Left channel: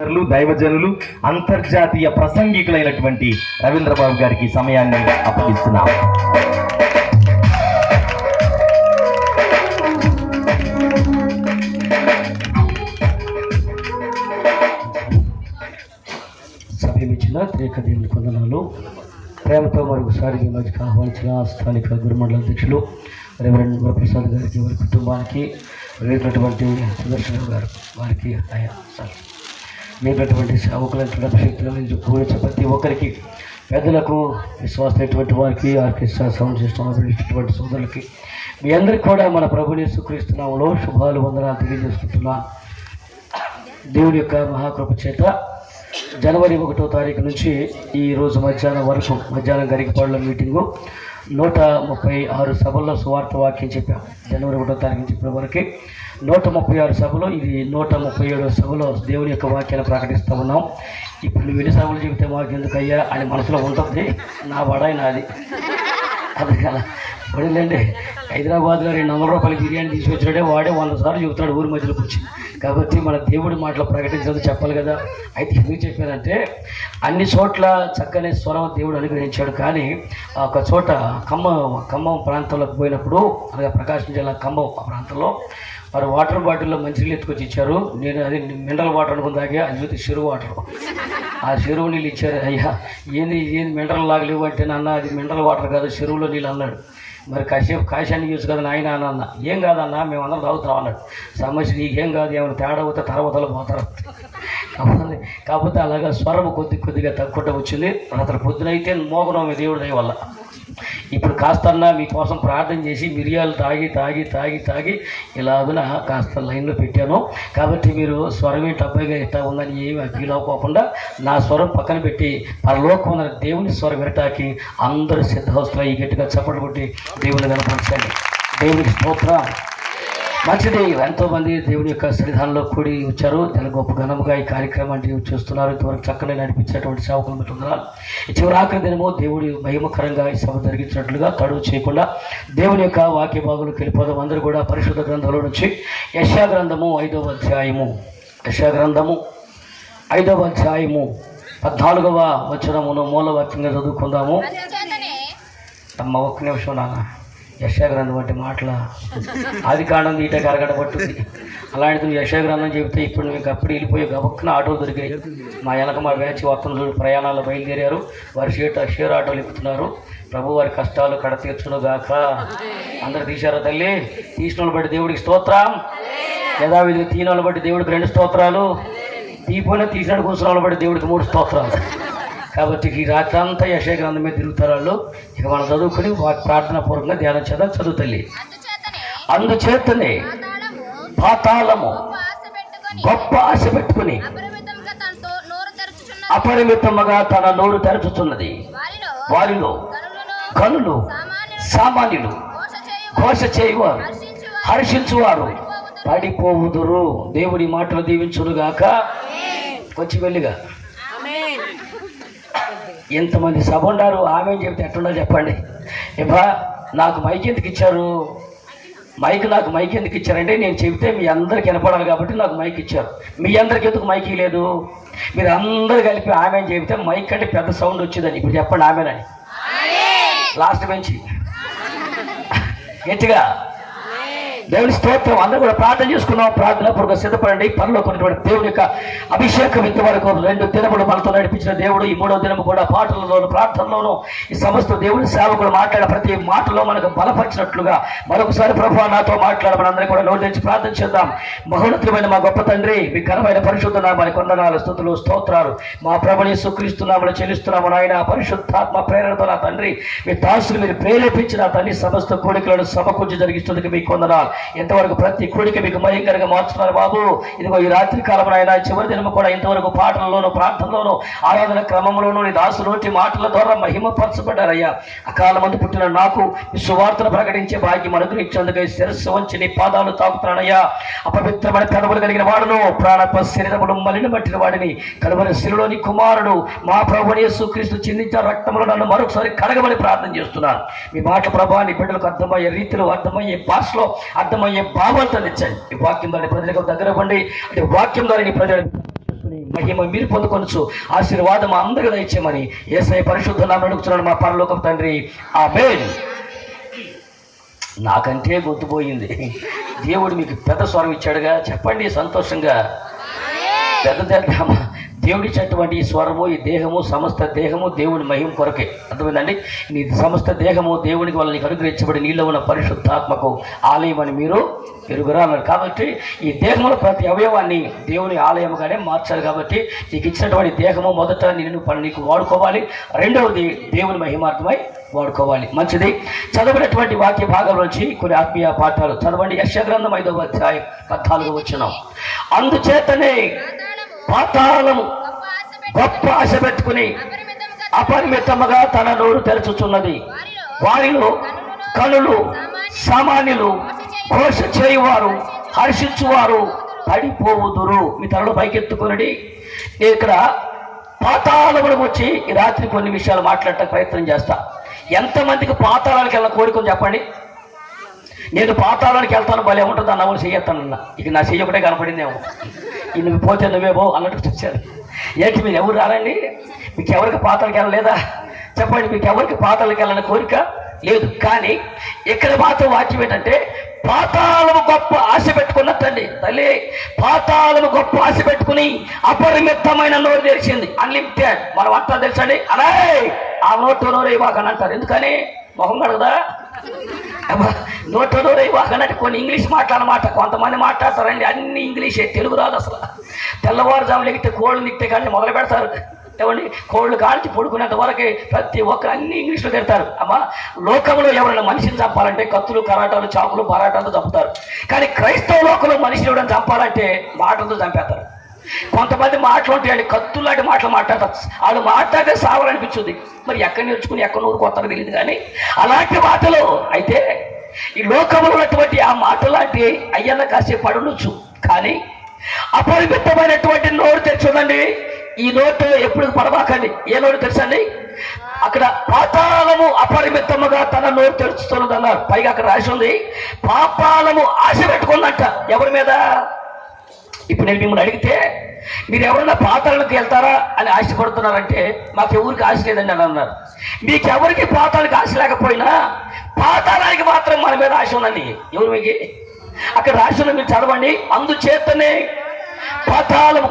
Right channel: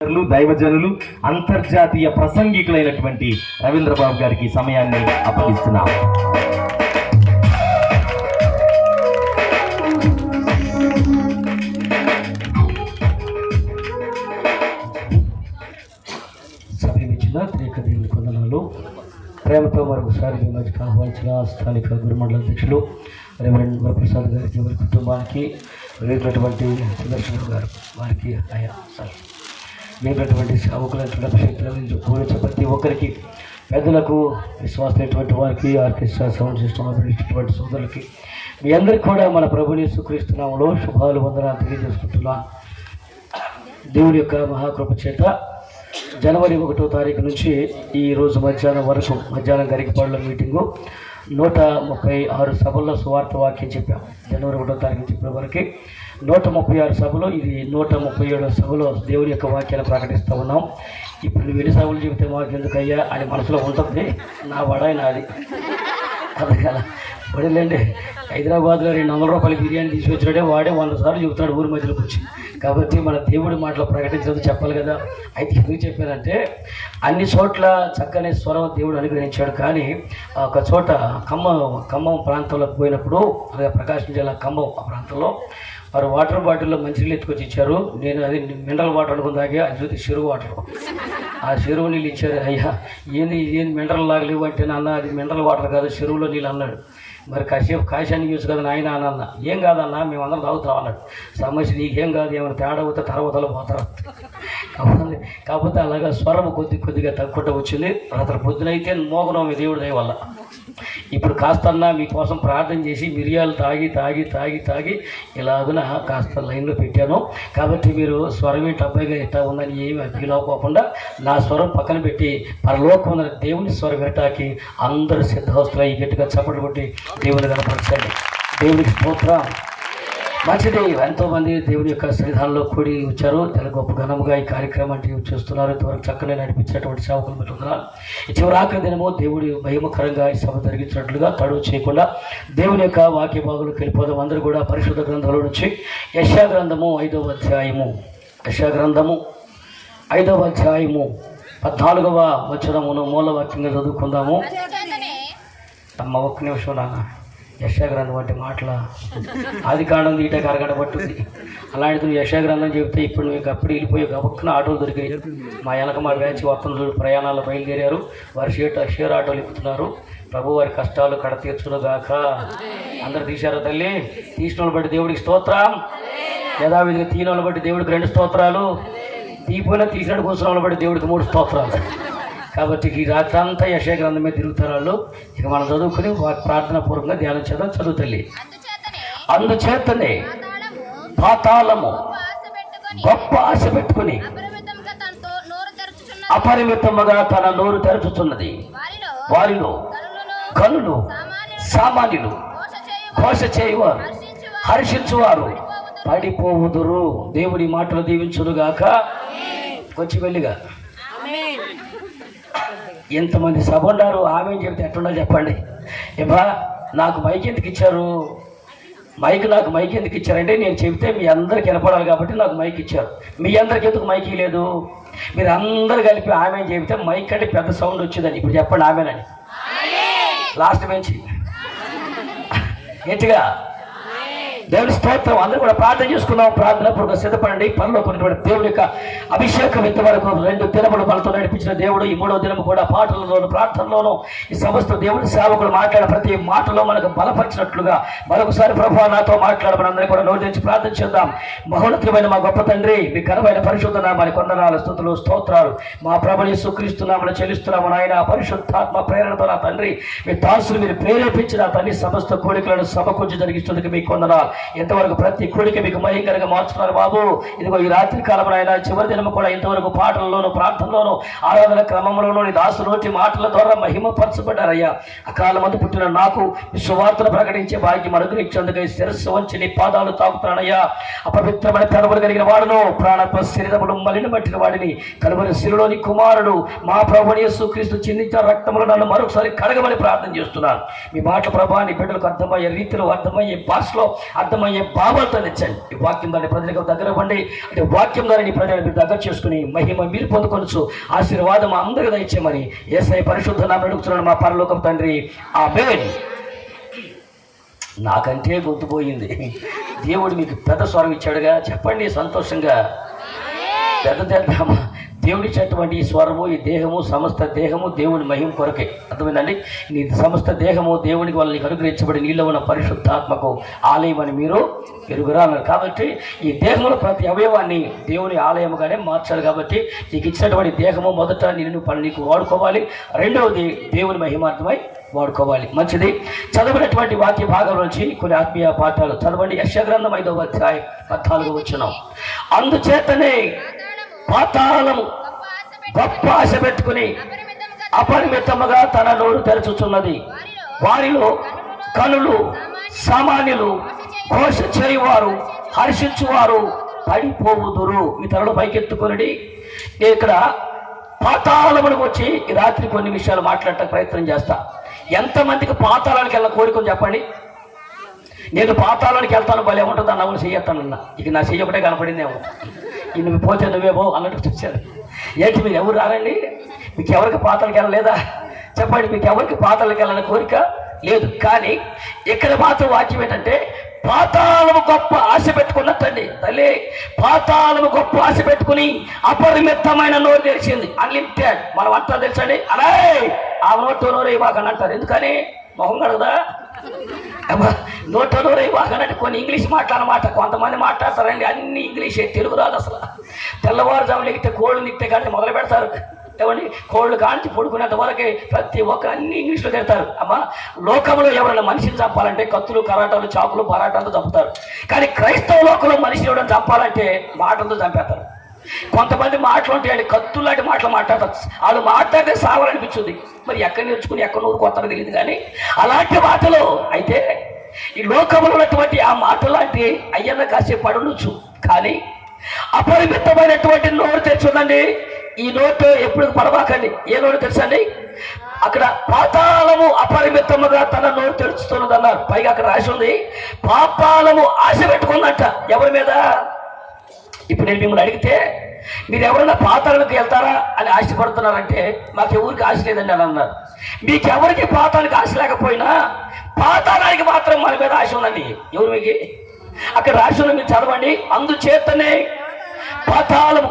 దైవజనులు అంతర్జాతీయ ప్రసంగికులైనటువంటి రవీంద్రబాబు గారికి సమయాన్ని అప్పగిస్తున్నాం. సమయమిచ్చిన త్రేకదేవుని కొందనాలు. ప్రేమతో మరొకసారి మీ మధ్యకు ఆహ్వానించిన స్థానిక గురుమండల అధ్యక్షులు రెవరెండ్ వరప్రసాద్ గారికి, వారి కుటుంబానికి, వేసినటువంటి సుదర్శన్ గారు వారికి, వేసినటువంటి సేవకులైనటువంటి అభిషేకులు పూరించే ప్రతి ఒక్కరికి, పెద్దలకు, విశ్వాసమైనటువంటి వారికి, ఆర్కెస్ట్రా సౌండ్ సిస్టమ్ ఇచ్చినటువంటి సోదరులకి, మీ అందరికీ కూడా మన ప్రభుని యేసుక్రీస్తు నామములో శుభాలు, వందనాలు తెలియజేసుకుంటున్నాను. దేవుడి యొక్క మహాకృప చేత జనవరి 1వ తారీఖు నుంచి ఈ రోజు మధ్యాహ్నం వరకు, మధ్యాహ్నం గరికపాడులో మీటింగు 136 సభల్లో సువార్త వాక్యం చెప్పాం. జనవరి 1వ తారీఖు నుంచి ఇప్పటి వరకు 136 సభలో, ఇది 137వ సభలో దేవుని యొక్క వాక్యాన్ని ప్రకటిస్తూ ఉన్నాం. ఇప్పుడు నువ్వు ఎన్ని సభలు చెబితే మాకు ఎందుకయ్యా అని మనసులో ఉంటుంది. నా వడాయి నాది అది కదా. పడిలేండి, హైదరాబాద్లో 200 రూపాయల బిర్యానీ తీసుకొచ్చినాడే వాడే 100 సార్లు చెబుతున్నాడు ఊరి మధ్యలోకి వచ్చి. కాబట్టి మన దేవుడి మాటలు ప్రకటించదు చెప్పాలి కదా. అయితే ఎందుకు చెప్పానంటే, అన్ని చోట్ల చక్కని స్వరం దేవుడు అనుగ్రహించాడు. కానీ ఒక చోట ఖమ్మం ప్రాంతంలోకి పోయినప్పుడు, అలాగే ప్రకాశం జిల్లా ఖమ్మం ప్రాంతంలో వారు వాటర్ బాటిల్లో మంచినీళ్ళు ఎత్తుకొచ్చి ఇచ్చారు. నేను అది మినరల్ వాటర్ అనుకుని తాగా, అది చూస్తే చెరువు వాటర్. ఆ చెరువు నీళ్ళు ఇచ్చారు. అయ్యా ఏంది మినరల్ లాగా లేవు అంటే, నాన్న అది మినరల్ వాటర్ కాదు, చెరువులో నీళ్ళు అన్నాడు. మరి కాసేపు కాశాన్ని యూస్ కదా నాయన అన్న. ఏం కాదన్నా, మేమందరం తాగుతాం అన్నాడు. సమస్య నీకేం కాదు, ఏమైనా తేడా పోతే తర్వాతలో పోతారు. కాకపోతే అలాగా స్వరం కొద్దిగా తక్కువ వచ్చింది. రాత్రి పొద్దునైతే మోగడం దేవుడి దయ వల్ల. ఇప్పుడు కాస్తన్నా మీకోసం ప్రార్థన చేసి మిరియాలు తాగి ఇలాగున కాస్త లైన్లో పెట్టాను. కాబట్టి మీరు స్వరం ఏంటి అబ్బాయిగా ఎట్లా ఉందని ఏమి ఫీల్ అవ్వకుండా నా స్వరం పక్కన పెట్టి పరలోకం ఉన్న దేవుని స్వరం వినటానికి అందరూ సిద్ధవస్తులు ఈ గట్టిగా చప్పట్లు కొట్టి దేవుని కనపరచండి. దేవునికి స్తోత్రం. మంచిది. ఎంతోమంది దేవుని యొక్క సన్నిధానంలో కూడి వచ్చారు. చాలా గొప్ప ఘనంగా ఈ కార్యక్రమాన్ని చూస్తున్నారు. ఇంతవరకు చక్కగా నడిపించేటువంటి సేవకులు ఉంటున్నారు. ఈ చివరి ఆఖరి దినము దేవుడి మహిమకరంగా ఈ సభ జరిగించినట్లుగా తడువు చేయకుండా దేవుని యొక్క వాక్య భాగంలోకి వెళ్ళిపోదాం. అందరూ కూడా పరిశుద్ధ గ్రంథంలో నుంచి యెషయా గ్రంథము 5వ అధ్యాయము 14వ వచనమును మూలవాక్యంగా చదువుకుందాము. అమ్మ ఒక్క నిమిషం నాన్న. యెషయా గ్రంథం అంటే మాటల ఆది కాండం ఈటకి అరగంట పట్టుద్ది. అలాంటిది నువ్వు యెషయా గ్రంథం చెబితే ఇప్పుడు నువ్వు అప్పుడు వెళ్ళిపోయి గబక్కున ఆటోలు దొరికాయి. మా వెనక మా బ్యాచ్ మొత్తం ప్రయాణాలు బయలుదేరారు. వారి షేర్ ఆటోలు ఎక్కుతున్నారు. ప్రభు వారి కష్టాలు కడ తీర్చును గాక. అందరు తీశారా తల్లి? తీసిన వాళ్ళు బట్టి దేవుడికి స్తోత్రం. యథావిధిగా తీన వాళ్ళు బట్టి దేవుడికి 2 స్తోత్రాలు, తీపోయినా తీసినట్టు కూర్చున్న వాళ్ళు బట్టి దేవుడికి 3 స్తోత్రాలు. కాబట్టి ఈ రాత్రి అంతా యెషయా గ్రంథం మీద తిరుగుతారు వాళ్ళు. ఇక మనం చదువుకుని ప్రార్థనా పూర్వకంగా ధ్యానం చేద్దాం. చదువుతల్లి. అందుచేతనే పాతాళము గొప్ప ఆశ పెట్టుకుని అపరిమితముగా తన నోరు తెరచుతున్నది. వారిలో గనులు, సామాన్యులు, ఘోష చేయువారు, హర్షించువారు పడిపోవుదురు. దేవుడి మాటలు దీవించునుగాక. వచ్చి వెళ్ళిగా ఎంతమంది సభ ఉన్నారు. ఆమె చెప్తే ఎట్లుండో చెప్పండి. ఇవ్వా నాకు మైక్ ఎందుకు ఇచ్చారు? నాకు మైక్ ఎందుకు ఇచ్చారంటే, నేను చెబితే మీ అందరికి వినపడాలి కాబట్టి నాకు మైక్ ఇచ్చారు. మీ అందరికి ఎందుకు మైక్ లేదు? మీరు అందరు కలిపి ఆమె చెబితే మైక్ అంటే పెద్ద సౌండ్ వచ్చిందని. ఇప్పుడు చెప్పండి ఆమెనని. లాస్ట్ బెంచ్ గట్టిగా దేవుని స్తోత్రం. అందరూ కూడా ప్రార్థన చేసుకున్నాం. ప్రార్థన పూర్వక సిద్ధపడండి. పనిలో కొన్నటువంటి దేవుడి యొక్క అభిషేకం ఇంతవరకు 2 దినములు మనతో నడిపించిన దేవుడు ఈ 3వ దినము కూడా పాటలలోను ప్రార్థనలోను ఈ సమస్త దేవుడి సేవకులు మాట్లాడే ప్రతి మాటలో మనకు బలపరిచినట్లుగా మరొకసారి ప్రభువా నాతో మాట్లాడమని అందరూ కూడా నోరు తెచ్చి ప్రార్థన చేద్దాం. మహోన్నతమైన మా గొప్ప తండ్రి, మీ ఘనమైన పరిశుద్ధ నామానికి వందనాలు, స్తుతులు, స్తోత్రాలు. మా ప్రభువు యేసుక్రీస్తు నామములో చెల్లిస్తున్నాము నాయన. పరిశుద్ధాత్మ ప్రేరణతో నా తండ్రి, మీ దాసులు మీరు ప్రేరేపించిన తండ్రి సమస్త కోరికలను సమకూర్చి జరిగిస్తున్నందుకు మీకు వందనాలు. ఎంతవరకు ప్రతి కోరిక మీకు భయంకరంగా మార్చుతున్నారు బాబు. ఇదిగో ఈ రాత్రి కాలం అయినా చివరి దినము కూడా ఇంతవరకు పాటలలోను ప్రార్థనలోను ఆరాధన క్రమంలోనూ నీ దాసు నోటి మాటల ద్వారా మహిమపరచబడ్డారయ్యా. అకాల మంది పుట్టిన నాకు ఈ సువార్తను ప్రకటించే భాగ్యం అనుగ్రహించేందుకు శిరస్సు వంచి నీ పాదాలు తాకుతున్నానయ్యా. అపవిత్రమైన పెదవులు కలిగిన వాడును, ప్రాణత్వ శరీరములు మలిన పట్టిన వాడిని, కలువరి శిలులోని కుమారుడు మా ప్రభువు యేసుక్రీస్తు చిందించిన రక్తములు నన్ను మరొకసారి కడగమని ప్రార్థన చేస్తున్నాను. మీ మాట ప్రభా నీ బిడ్డలకు అర్థమయ్యే రీతిలో, అర్థమయ్యే భాషలో, అర్థమయ్యే భావాలతో తెచ్చండి. ఈ వాక్యం ద్వారా ప్రజలకు దగ్గర ఇవ్వండి. అంటే వాక్యం ద్వారా నీ ప్రజలు మీరు దగ్గర చేసుకుని మహిమ మీరు పొందుకొనొచ్చు. ఆశీర్వాదం అందరికీ దయచేయమని యేసయ్య పరిశుద్ధ నామమున అడుగుతున్నాను మా పరలోకపు తండ్రి, ఆమేన్. నాకంటే గొంతుపోయింది. దేవుడు మీకు పెద్ద స్వరం ఇచ్చాడుగా, చెప్పండి సంతోషంగా. పెద్ద దేవుడిచ్చేటువంటి ఈ స్వరము, ఈ దేహము, సమస్త దేహము దేవుని మహిమ కొరకే. అర్థమైందండి? నీ సమస్త దేహము దేవునికి వాళ్ళని అనుగ్రహించబడి నీలో ఉన్న పరిశుద్ధాత్మకు ఆలయం అని మీరు ఎరుగురా అన్నారు. కాబట్టి ఈ దేహంలో ప్రతి అవయవాన్ని దేవుని ఆలయంగానే మార్చాలి. కాబట్టి నీకు ఇచ్చినటువంటి దేహము మొదట నీకు వాడుకోవాలి, రెండవది దేవుని మహిమార్థమై వాడుకోవాలి. మంచిది. చదవనటువంటి వాక్య భాగం నుంచి కొన్ని ఆత్మీయ పాఠాలు చదవండి. యెషయా గ్రంథం 5వ అధ్యాయం 14వ వచనం. అందుచేతనే పాతాళము గొప్ప ఆశ పెట్టుకుని అపరిమితముగా తన నోరు తెరచుచున్నది. వారిలో కనులు, సామాన్యులు, ఘోష చేయువారు, హర్షించువారు పడిపోవుదురు. మీ తలలో పైకెత్తుకునడి. నేను ఇక్కడ పాతాళములకు వచ్చి ఈ రాత్రి కొన్ని విషయాలు మాట్లాడటానికి ప్రయత్నం చేస్తా. ఎంతమందికి పాతాళానికి వెళ్ళిన కోరికని చెప్పండి. నేను పాతాళానికి వెళ్తాను, భలే ఉంటుంది అన్న కూడా చెయ్యొస్తానన్నా. ఇక నా చెయ్యి ఒకటే కనపడిందేమో, ఈ నువ్వు పోతే నువ్వేమో అన్నట్టు చూశారు. ఏంటి మీరు ఎవరు రారండి? మీకు ఎవరికి పాతాళానికి వెళ్ళలేదా? చెప్పండి. మీకు ఎవరికి పాతాళానికి వెళ్ళని కోరిక లేదు. కానీ ఇక్కడ మాత్రం వాక్యం ఏంటంటే పాతాళము గొప్ప ఆశ పెట్టుకున్నట్టండి. తల్లి పాతాళము గొప్ప ఆశ పెట్టుకుని అపరిమితమైన నోరు తెలిసింది. అన్లిమిటెడ్. మనం అంతా తెలుసండి. అరే ఆ నోరు ఇవ్వకని అంటారు. ఎందుకని? మొహం కడగదా? నోట్లో ఇవ్వకనంటే కొన్ని ఇంగ్లీష్ మాట్లాడమాట. కొంతమంది మాట్లాడతారండి అన్ని ఇంగ్లీషే, తెలుగు రాదు అసలు. తెల్లవారుజాములు ఎగితే కోళ్ళు నిక్తే కానీ మొదలు పెడతారు. ఏమండి? కోళ్ళు కాల్చి పడుకునేంత వరకు ప్రతి ఒక్కరు అన్ని ఇంగ్లీష్లో తిడతారు. అమ్మా, లోకంలో ఎవరైనా మనిషిని చంపాలంటే కత్తులు, కరాటాలు, చాకులు, పరాటాలతో చంపుతారు. కానీ క్రైస్తవ లోకంలో మనిషిని ఎవరైనా చంపాలంటే మాటలతో చంపేస్తారు. కొంతమంది మాటలు ఉంటాయండి, కత్తులాంటి మాటలు మాట్లాడతారు. వాళ్ళు మాట్లాడితే సావాలనిపించుంది. మరి ఎక్కడ నేర్చుకుని ఎక్కడ నూరు కొత్తగా తెలియదు. కానీ అలాంటి మాటలు అయితే ఈ లోకంలో ఉన్నటువంటి ఆ మాటలాంటి అయ్యన్న కాసేపు పడునొచ్చు. కానీ అపరిమితమైనటువంటి నోరు తెచ్చుందండి. ఈ నోటు ఎప్పుడు పడబాకండి. ఏ నోరు తెలుసండి? అక్కడ పాతాళము అపరిమితముగా తన నోరు తెరుచుతున్నది అన్నారు. పైగా అక్కడ రాసి ఉంది పాపాలము ఆశ పెట్టుకుందంట. ఎవరి మీద? ఇప్పుడు నేను మిమ్మల్ని అడిగితే మీరు ఎవరైనా పాతాళానికి వెళ్తారా అని ఆశపడుతున్నారంటే మాకు ఎవరికి ఆశ లేదండి అని అన్నారు. మీకు ఎవరికి పాతాళానికి ఆశ లేకపోయినా పాతాళానికి మాత్రం మన మీద ఆశ ఉందండి. ఎవరు మీకు? అక్కడ రాసి ఉంది, మీరు చదవండి. అందుచేతనే పాతాళము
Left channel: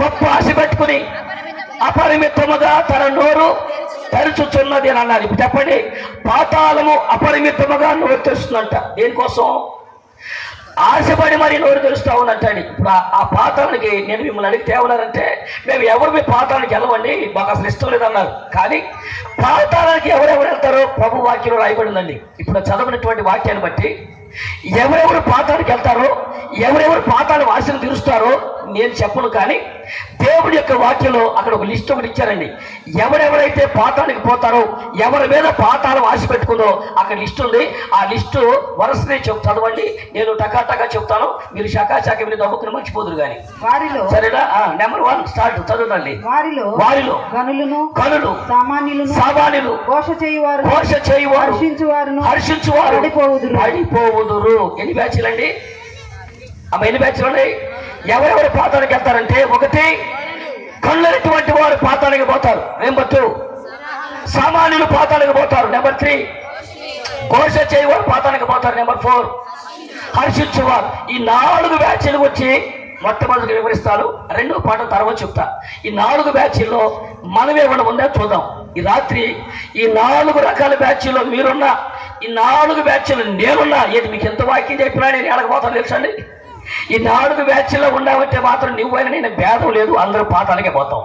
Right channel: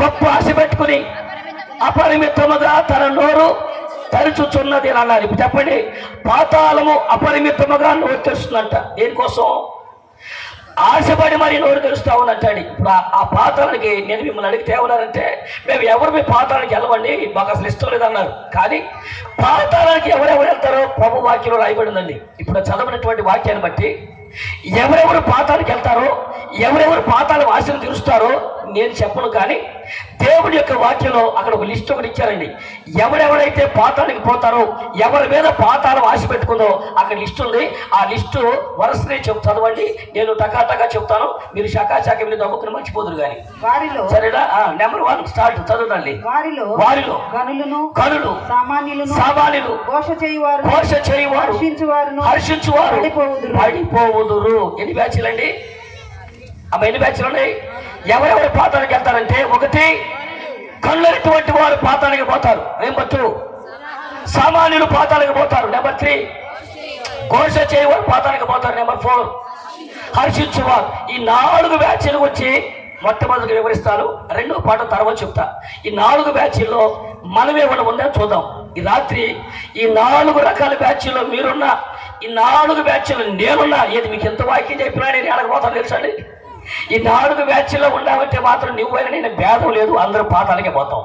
గొప్ప ఆశ పెట్టుకుని అపరిమితముగా తన నోరు తెరుచుచున్నది అని అన్నారు. ఇప్పుడు చెప్పండి. పాతాళము అపరిమితముగా నోరు తెరుస్తుందంట. దేనికోసం? ఆశపడి మరి నోరు తెరుస్తా ఉందంటాడు. ఇప్పుడు ఆ పాతాళానికి నేను మిమ్మల్ని అడిగితే ఏమన్నారంటే మేము ఎవరు మీ పాతాళానికి వెళ్ళవండి, మాకు అసలు ఇష్టం లేదన్నారు. కానీ పాతాళానికి ఎవరెవరు వెళ్తారో ప్రభు వాక్యంలో రాయబడి ఉందండి. ఇప్పుడు చదవనటువంటి వాక్యాన్ని బట్టి ఎవరెవరు పాతాళానికి వెళ్తారో, ఎవరెవరు పాతాళం ఆశలు తీరుస్తారో నేను చెప్పను. కానీ దేవుడి యొక్క వాక్యంలో అక్కడ ఒక లిస్ట్ ఒకటి ఇచ్చారండి. ఎవరెవరైతే పాతాళానికి పోతారో, ఎవరి మీద పాతాళం ఆశ పెట్టుకుందో అక్కడ లిస్ట్ ఉంది. ఆ లిస్టు వరుసనే చదవండి. నేను టకాటకా చెప్తాను, మీరు శాఖ మీరు దమ్ముకుని మర్చిపోదురు. కానీ వారిలో సరేనా? నెంబర్ 1 స్టార్ట్ చదవండి. వారిలో కనులు, సామాన్యులు, ఘోష చేయువారు, హర్షించువారు పడిపోవుదురు. ఎన్ని బ్యాచ్లు అండి? ఎన్ని బ్యాచ్లు ఉన్నాయి? ఎవరెవరు పాతానికి వెళ్తారంటే, 1 కళ్ళటువంటి వారు పాతానికి పోతారు. నెంబర్ 2 సామాన్యులు పాతానికి పోతారు. నెంబర్ 3 ఘోష చేయవారు పాతానికి పోతారు. నెంబర్ 4 హర్షించేవారు. ఈ 4 బ్యాచ్లు వచ్చి మొట్టమొదటిగా వివరిస్తాను. 2వ పాఠం తర్వాత చెప్తా. ఈ 4 బ్యాచ్ల్లో మనం ఏమైనా ఉందా చూద్దాం. ఈ రాత్రి ఈ 4 రకాల బ్యాచ్ల్లో మీరున్నా, ఈ 4 బ్యాచ్లు నేనున్నా. ఏది మీకు ఎంత వాక్యం చెప్పినా నేను ఎడకపోతాను తెలుసండి. ఈ 4 బ్యాచ్ల్లో ఉన్నామంటే మాత్రం నువ్వైనా నేను భేదం లేదు, అందరూ పాతాలకే పోతాం.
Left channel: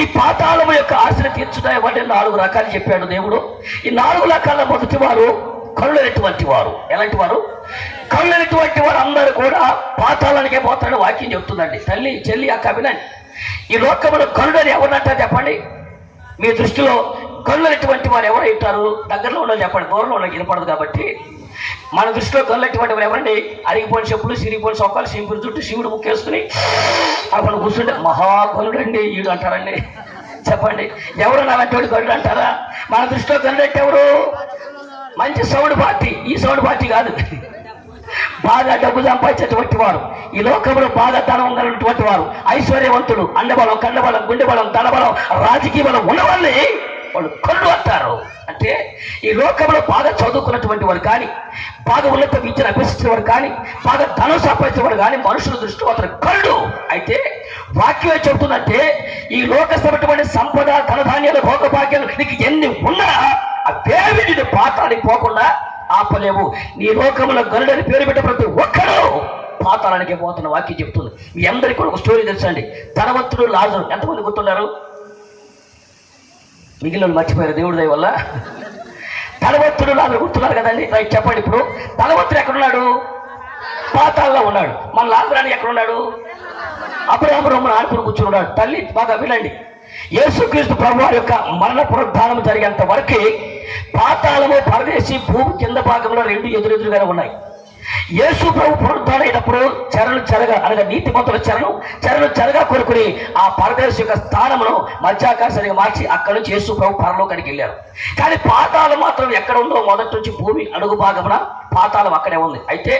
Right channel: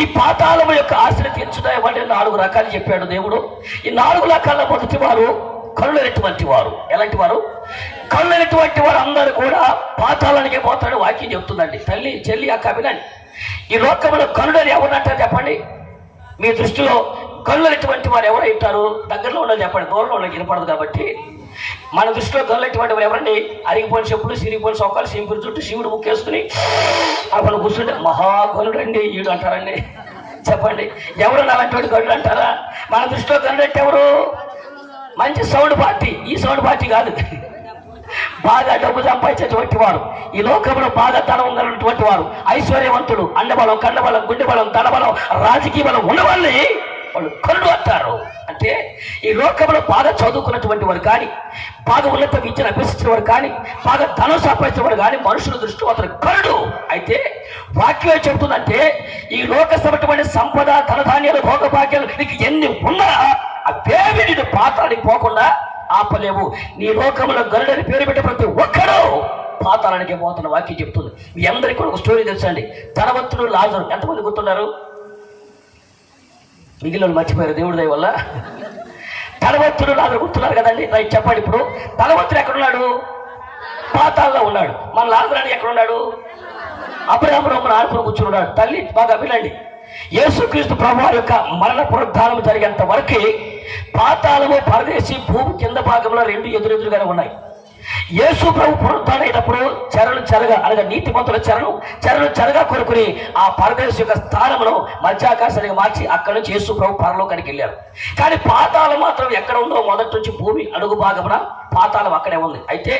ఈ పాతాళం యొక్క ఆశలు తీర్చుతాయమంటే 4 రకాలు చెప్పాడు దేవుడు. ఈ 4 రకాల మొదటి వారు కరుణైనటువంటి వారు. ఎలాంటి వారు? కరుణైనటువంటి వారు అందరూ కూడా పాతాళానికే పోతాడు వాక్యం చెప్తుందండి. తల్లి, చెల్లి, అక్క వినండి. ఈ లోకంలో కరుణని ఎవరంటారు చెప్పండి? మీ దృష్టిలో కరుణైనటువంటి వారు ఎవరు ఉంటారు? దగ్గరలో ఉన్నది చెప్పండి, దూరంలో ఉన్నది వినపడదు. కాబట్టి మన దృష్టిలో కరుణైనటువంటి వారు ఎవరండి? అరిగిపోయిన చెప్పులు, సిరిగిపోయిన సొక్కలు, సింపులు చుట్టూ శివుడు ముక్కేసుకుని అక్కడ కూర్చుంటే మహాకరుడు అండి ఈడు అంటారండి. చెప్పండి, ఎవరు నాటువంటి కరుడు అంటారా? మన దృష్టిలో కరుడంటే ఎవరు? మంచి సౌండ్ పార్టీ. ఈ సౌండ్ పార్టీ కాదు. బాగా డబ్బు సంపాదించేటువంటి వాడు, ఈ లోకంలో బాగా ధనం ఉన్నటువంటి వాడు, ఐశ్వర్యవంతుడు, అండబలం, కండబలం, గుండె బలం, ధనబలం, రాజకీయ బలం ఉన్నవాళ్ళని వాళ్ళు కరుడు అంటారు. అంటే ఈ లోకంలో బాగా చదువుకున్నటువంటి వాడు కానీ, బాగా ఉన్నత విద్యను అభ్యసించిన వాడు కానీ, బాగా ధనం సంపాదించిన వాడు కానీ మనుషుల దృష్టిలో అతను కరుడు. అయితే వాక్యం ఏం చెబుతుందంటే, ఈ లోకమైనటువంటి సంపద, ధనధాన్యాలు, భోగభాగ్యాలు నీకు ఎన్ని ఉన్నా అవేవి నిన్ను పాతాళానికి పోకుండా ఆపలేవు. నీ లోకంలో గరుడని పేరు పెట్టే ప్రతి ఒక్కడూ పాతాళానికి పోతున్న వాక్యం చెప్తుంది. మీ అందరికీ కూడా ఒక స్టోరీ తెలుసండి. ధనవంతుడు లాజరు, ఎంతమంది గుర్తున్నారు? మిగిలిన మర్చిపోయారు దేవుడి దయ వల్ల. ధనవంతుడు లాజరు గుర్తున్నారు కదండి. రైట్, చెప్పండి. ఇప్పుడు ధనవంతుడు ఎక్కడున్నాడు? పాతాళంలో ఉన్నాడు. మన లాజరు ఎక్కడున్నాడు? అబ్రహాము ఆడుకుని కూర్చున్నాడు. తల్లి బాగా వినండి, యేసుక్రీస్తు ప్రభువారి యొక్క మరణ పునరుద్ధానం జరిగేంత వరకు పాతాళము, పరదేశి, భూమి కింద భాగంలో రెండు ఎదురెదురుగానే ఉన్నాయి. యేసు ప్రభు పునరుద్ధానం అయినప్పుడు చెరలు చెరగా అనగా నీతిమంతుల చెరలు చెరగా కొనుక్కుని ఆ పరదేశం యొక్క స్థానమును మధ్యాకాశానికి మార్చి అక్కడి నుంచి యేసు ప్రభు పరలోకానికి వెళ్ళారు. కానీ పాతాళం మాత్రం ఎక్కడ ఉందో మొదటి నుంచి భూమి అడుగు భాగమున పాతాళం అక్కడే ఉంది. అయితే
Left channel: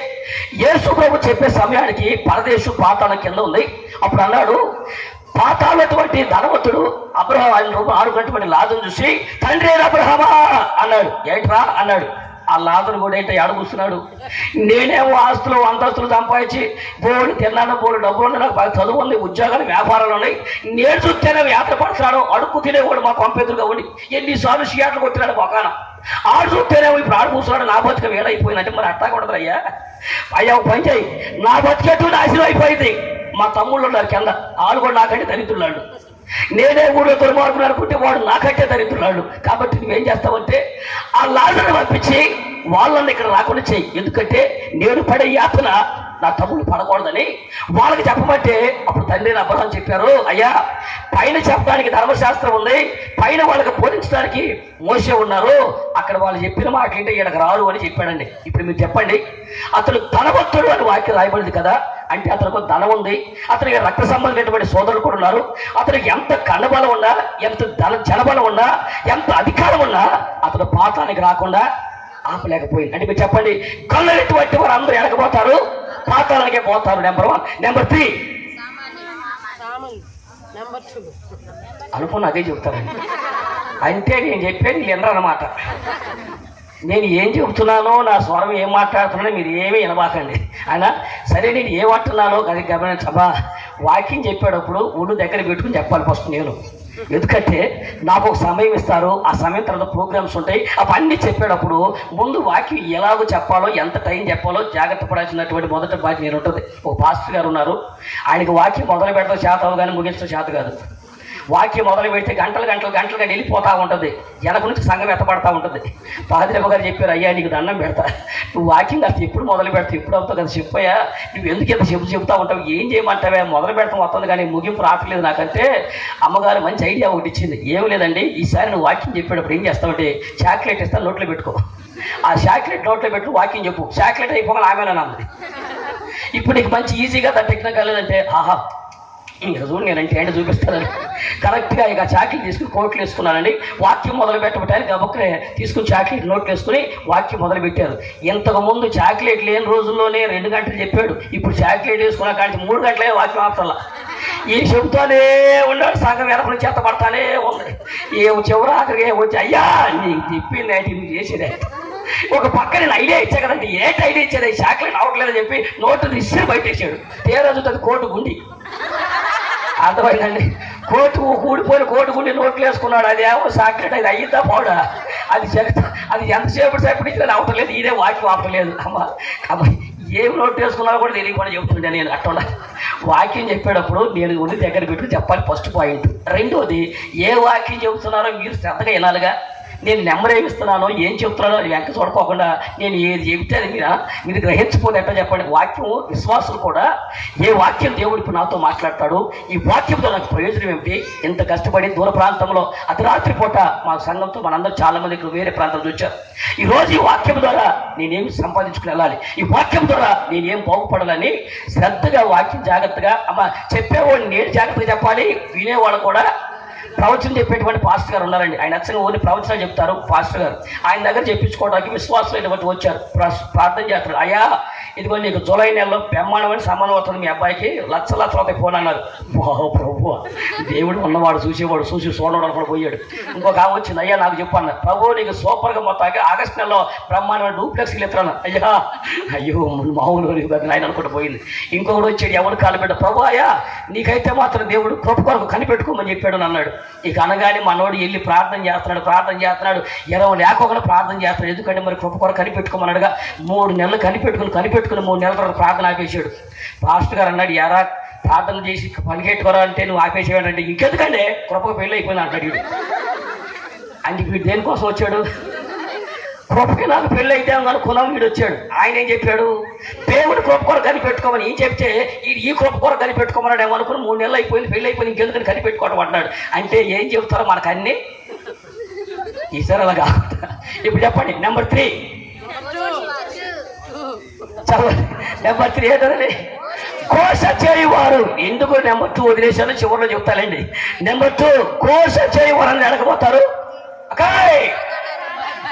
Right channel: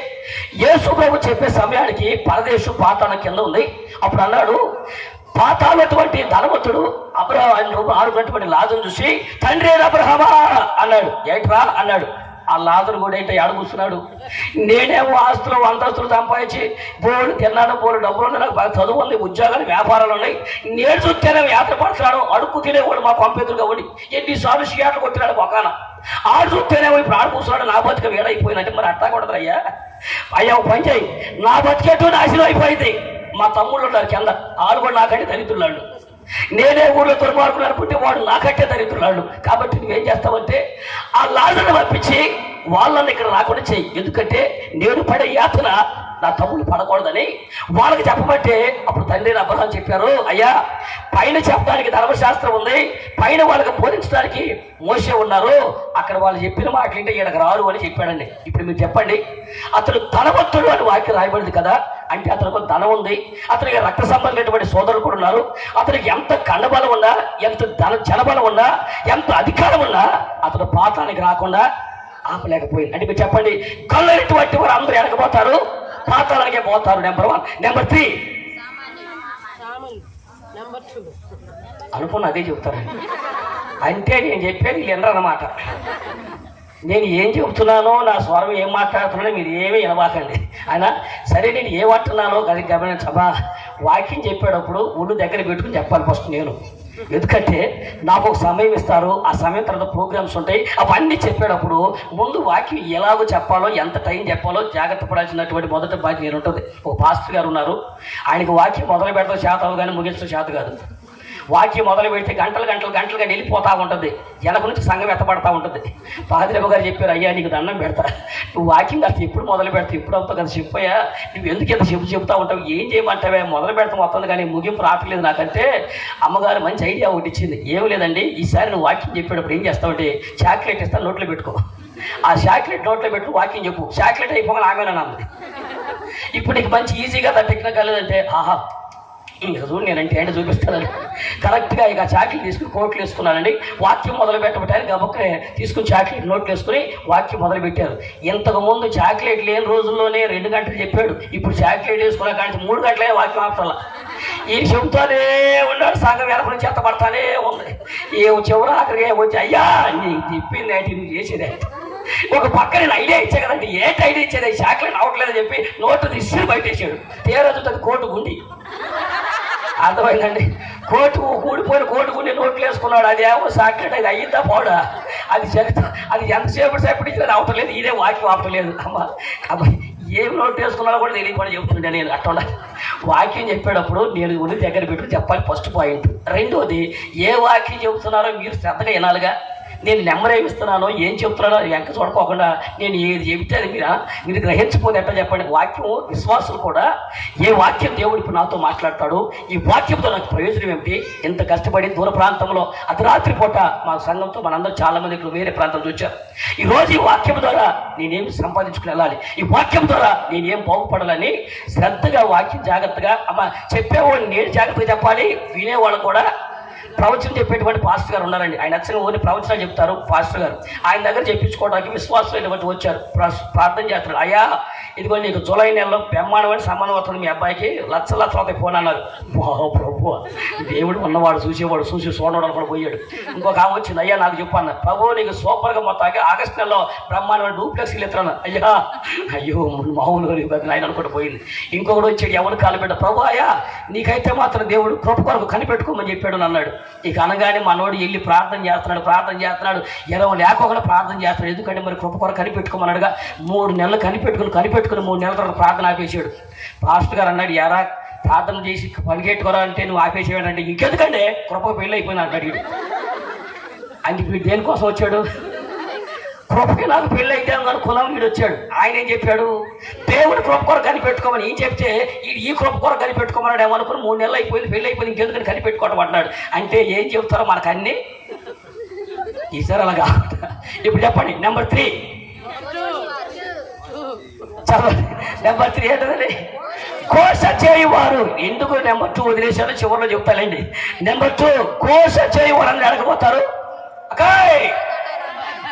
యేసు ప్రభు చెప్పే సమయానికి పరదేశం పాతాళం కింద ఉంది. అప్పుడు అన్నాడు, పాతాళటువంటి ధనవంతుడు అబ్రహాం ఆయన ఆడుకున్నటువంటి లాజరును చూసి, తండ్రి అబ్రహామా అన్నాడు. ఏంట్రా అన్నాడు. ఆ లాజరు కూడా ఏంటో ఆడు కూర్చున్నాడు. నేనేమో ఆస్తులు అంతస్తులు సంపాదించి బోర్డు తిన్నాను, బోర్డు డబ్బులు ఉన్నాయి, నాకు బాగా చదువు ఉంది, ఉద్యోగాలు, వ్యాపారాలు ఉన్నాయి. నేను చూస్తేనే యాత్ర పడుతున్నాడు, అడుక్కు తినేవాడు మా పంపెదురుగా ఉండి ఎన్నిసార్లు షియాట్లు కొట్టినాడు ఒకన. ఆడు చూస్తేనేమో ఇప్పుడు ఆడు కూర్చున్నాడు. నా బతుక వేడైపోయిందంటే మరి అట్టా కొడతారు. అయ్యా పని చేయి, నా బతికేట్టు నాశనం అయిపోయింది. మా తమ్ముళ్ళు ఉన్నారు కింద, ఆడు కూడా నాకంటే దరిద్రులాడు. నేనే ఊళ్ళో దుర్మార్గులు అనుకుంటే వాడు నాకంటే దరిద్రులాడు. కాబట్టి నువ్వేం చేస్తావంటే ఆ లాజరుని పంపించి వాళ్ళని ఇక్కడ రాకుండా చెయ్యి. ఎందుకంటే నేను పడే యాతన నా తమ్ముడు పడకూడదని వాళ్ళకి చెప్పమంటే, అప్పుడు తండ్రి అబ్రహాం చెప్పారు, అయ్యా పైన చెప్పడానికి ధర్మశాస్త్రం ఉంది, పైన వాళ్ళకి బోధించడానికి మోసే ఉన్నారు, అక్కడ వాళ్ళు చెప్పిన మాటలు ఏంటో ఈయనకు రారు అని చెప్పాడండి. ఇప్పుడు మీరు చెప్పండి, అతడు ధనవంతుడు అని వాక్యం రాయబడింది కదా, అంటే అతనికి ధనం ఉంది, అతనికి రక్త సంబంధమైనటువంటి సోదరులు కూడా ఉన్నారు, అతనికి ఎంత కండబలం ఉన్నా, ఎంత జనబలం ఉన్నా, ఎంత అధికారం ఉన్నా అతడు పాతానికి రాకుండా ఆపలేకపోయింది. అంటే మీరు చెప్పండి, కళ్ళటువంటి వారు అందరూ ఎడకపోతారు, పాతాలకే పోతారు. నెంబర్ 1. నెంబర్ 3 అనుకున్న అదే చెప్తారండి. అంటే నేను చెప్పేది వీళ్ళు వినరన్నమాట. నేను ఏం చెబుతున్నానో, నా స్వరం ఏం మాట్లాడుతున్నానో మీరు ఏమీ వినబాకండి. అయినా సరే, నేను ఏమంటున్నానో అది గమనించమా. వాక్యం చెప్పేటప్పుడు ఒళ్ళు దగ్గర పెట్టుకుని చెప్పాలి ఫస్ట్ నేను. ఎందుకంటే నాకు ఒక సమయం ఇస్తారు, ఆ సమయం తర్వాత ప్రోగ్రామ్స్ ఉంటాయి. అవన్నీ చెప్పేటప్పుడు ముందు వాక్యం ఎలాగో చెప్పాలో, ఎంత టైం చెప్పాలో జాగ్రత్త పడాల్సినటువంటి మొదటి బాధ్యత నేను ఉంటుంది. ఒక పాస్టర్ గారు ఉన్నారు, ఆయనకి వాక్యం మొదలు పెడతాం చేత కానీ ముగించడం చేత కాదు. వాక్యం మొదలు పెడితే గంటలుగా వెళ్ళిపోతూ ఉంటుంది, వెనక నుంచి సంఘం ఎత్తపడతా ఉంటుంది. పాదిరమ్మ గారు చెప్పారు, అయ్యా నీకు దండం పెడతా, నువ్వు వాక్యం కాస్త ఎప్పుడు మొదలు పెడతావు, ఎప్పుడు అవుతావు కదా చెప్పయ్యా, నువ్వు ఎందుకు ఎంత చెబుతూ ఉంటావు, ఏం చేయమంటావే, మొదలు పెడతాం వస్తుంది కానీ ముగింపు రావట్లేదు నాకంటే. అమ్మగారు మంచి ఐడియా ఒకటి ఇచ్చింది. ఏమి లేదండి, ఈసారి నువ్వు వాక్యం చెప్పేటప్పుడు ఏం చేస్తావంటే చాక్లెట్ ఇస్తాను, నోట్లో పెట్టుకో, ఆ చాక్లెట్ నోట్లో పెట్టు, వాక్యం చెప్పు, చాక్లెట్ అయిపోగానే ఆమెనా నమ్మది. ఇప్పుడు నీకు మంచి ఈజీగా దాని టెక్నికల్ లేదంటే, ఆహా చూడు నేనంటే ఏంటి చూపిస్తానని కరెక్ట్గా ఇక చాక్లెట్ తీసుకుని కోట్లు వేసుకున్నానండి. వాక్యం మొదలు పెట్టబట్టారు, గబక్కనే తీసుకుని చాక్లెట్ నోట్లు వేసుకుని వాక్యం మొదలు పెట్టారు. ఇంతకుముందు చాక్లెట్ లేని రోజుల్లోనే 2 గంటలు చెప్పాడు, ఇప్పుడు చాక్లెట్ వేసుకున్నా కానీ 3 గంటలే వాక్యం ఆపుతలా. ఈ చెబుతానే ఉన్నాడు, సంఘం వెనక చేత పడతానే ఉంది. చివరి ఆఖరికి వచ్చి, అయ్యా నీకు చెప్పింది ఏంటి, నువ్వు చేసేదే. ఒక పక్క నేను ఐడియా ఇచ్చా కదండి, ఏంటి ఐడియా ఇచ్చేది, చాక్లెట్ అవ్వట్లేదని చెప్పి నోటు తీసి బయటేసాడు. తేరదుతుంది కోటు గుండి, అర్థమైందండి. కోటు ఊడిపోయిన కోటు గుండి నోట్లు వేసుకున్నాడు. అది ఏమో చాక్లెట్, అది అయ్యిందా పోడా, అది అది ఎంతసేపు ఇచ్చినా అవటం లేదు, ఇదే వాక్యం అవటం లేదు. అమ్మ ఏమి నోట్ వేసుకున్నారో కూడా తెలియకుండా చెబుతుండే నేను. అట్లా వాక్యం చెప్పేటప్పుడు నేను ఉండి దగ్గర పెట్టుకుని చెప్పాలి, ఫస్ట్ పాయింట్. రెండోది, ఏ వాక్యం చెబుతున్నారో మీరు శ్రద్ధగా వినాలిగా. నేను నెంబర్ ఏమిస్తున్నానో, ఏం చెప్తున్నానో వెంక చూడుకోకుండా నేను ఏది చెబితే అది మీరు గ్రహించుకోని ఎట్లా చెప్పండి. వాక్యం విశ్వాసులు కూడా ఏ వాక్యం దేవుడు ఇప్పుడు నాతో మాట్లాడతాడు, ఈ వాక్యంతో నాకు ప్రయోజనం ఏమిటి, ఎంత కష్టపడి దూర ప్రాంతంలో అర్ధరాత్రి పూట మా సంఘంతో మనందరూ చాలా మంది ఇక్కడ వేరే ప్రాంతం వచ్చారు. ఈరోజు ఈ వాక్యం ద్వారా నేనేమి సంపాదించుకుని వెళ్ళాలి, ఈ వాక్యం ద్వారా నేనేం బాగుపడాలని శ్రద్ధగా వాక్యం జాగ్రత్తగా చెప్పేవాడిని నేను జాగ్రత్తగా చెప్పాలి, వినేవాళ్ళు కూడా ప్రవచనం చెప్పేటువంటి పాస్టర్ గారు ఉన్నారండి. ఆయన అచ్చంగా ఓన్లీ ప్రవచనాలు చెప్తారు పాస్టర్ గారు. ఆయన దగ్గర చెప్పించుకోవడానికి విశ్వాసమైనటువంటి వచ్చారు. ప్రార్థన చేస్తున్నారు, అయ్యా ఇదిగో నీకు జూలై నెలలో బ్రహ్మాండమైన సంబంధం అవుతుంది, మీ అబ్బాయికి లక్షల అవుతాయి ఫోన్ అన్నారు. ప్రభు దేవుడు ఉన్నవాడు చూసేవాడు, చూసి చూడడం కూడా పోయాడు. ఇంకొక ఆమె వచ్చింది, అయ్యా నాకు చెప్పు అన్నారు. ప్రభు నీకు సూపర్గా మొత్తానికి ఆగస్టు నెలలో బ్రహ్మాండమైన డూప్లెక్స్కి ఎత్తున్నా. అయ్యో మామూలు ఆయన అనుకుంటూ పోయింది. ఇంకొకడు వచ్చాడు, ఎవరు కాలు పెట్ట, ప్రభు అయ్యా నీకైతే మాత్రం దేవుడు కృప కొరకు కనిపెట్టుకోమని చెప్పాడు అన్నాడు. ఇక అనగానే మనోడు వెళ్ళి ప్రార్థన చేస్తున్నాడు 20 లేకుండా ప్రార్థన చేస్తున్నాడు. ఎందుకంటే మరి కృప కొరకు కనిపెట్టుకోమన్నాడుగా. 3 నెలలు కనిపెట్టుకుని 3 నెలల తర్వాత ప్రార్థన ఆపేసాడు. పాస్టర్ గారు అన్నాడు, ఎరా ప్రార్థన చేసి పనికెట్టుకోరా అంటే నువ్వు ఆపేసేవాడంటే ఇంకెందుకంటే కృప పెళ్ళి అయిపోయింది అంటాడు వీడు. అందుకు వీడు దేనికోసం వచ్చాడు? కృపకి నాకు పెళ్ళి అయితే అనుకున్నాం. వీడు వచ్చాడు. ఆయన ఏం చెప్పాడు? దేవుడు కృప కొరకు కనిపెట్టుకోమని ఏం చెప్తే ఈ కృప కొరకు కనిపెట్టుకోమన్నాడు. ఏమనుకుని 3 నెలలు అయిపోయింది, పెళ్ళి అయిపోయింది, ఇంకెందుకని కనిపెట్టుకోవడం అన్నాడు. అంటే ఏం చెబుతారో మనకు అన్నీ ఈసారి అలాగా. ఇప్పుడు చెప్పండి నెంబర్ 3. నెంబర్ 3 ఏంటండి? కోస చేయువారు. ఎందుకు నెంబర్ 2 వదిలేశారో చివరిలో చెప్తానండి. నెంబర్ 2 కోస చేయువారు అని అడగబోతారు.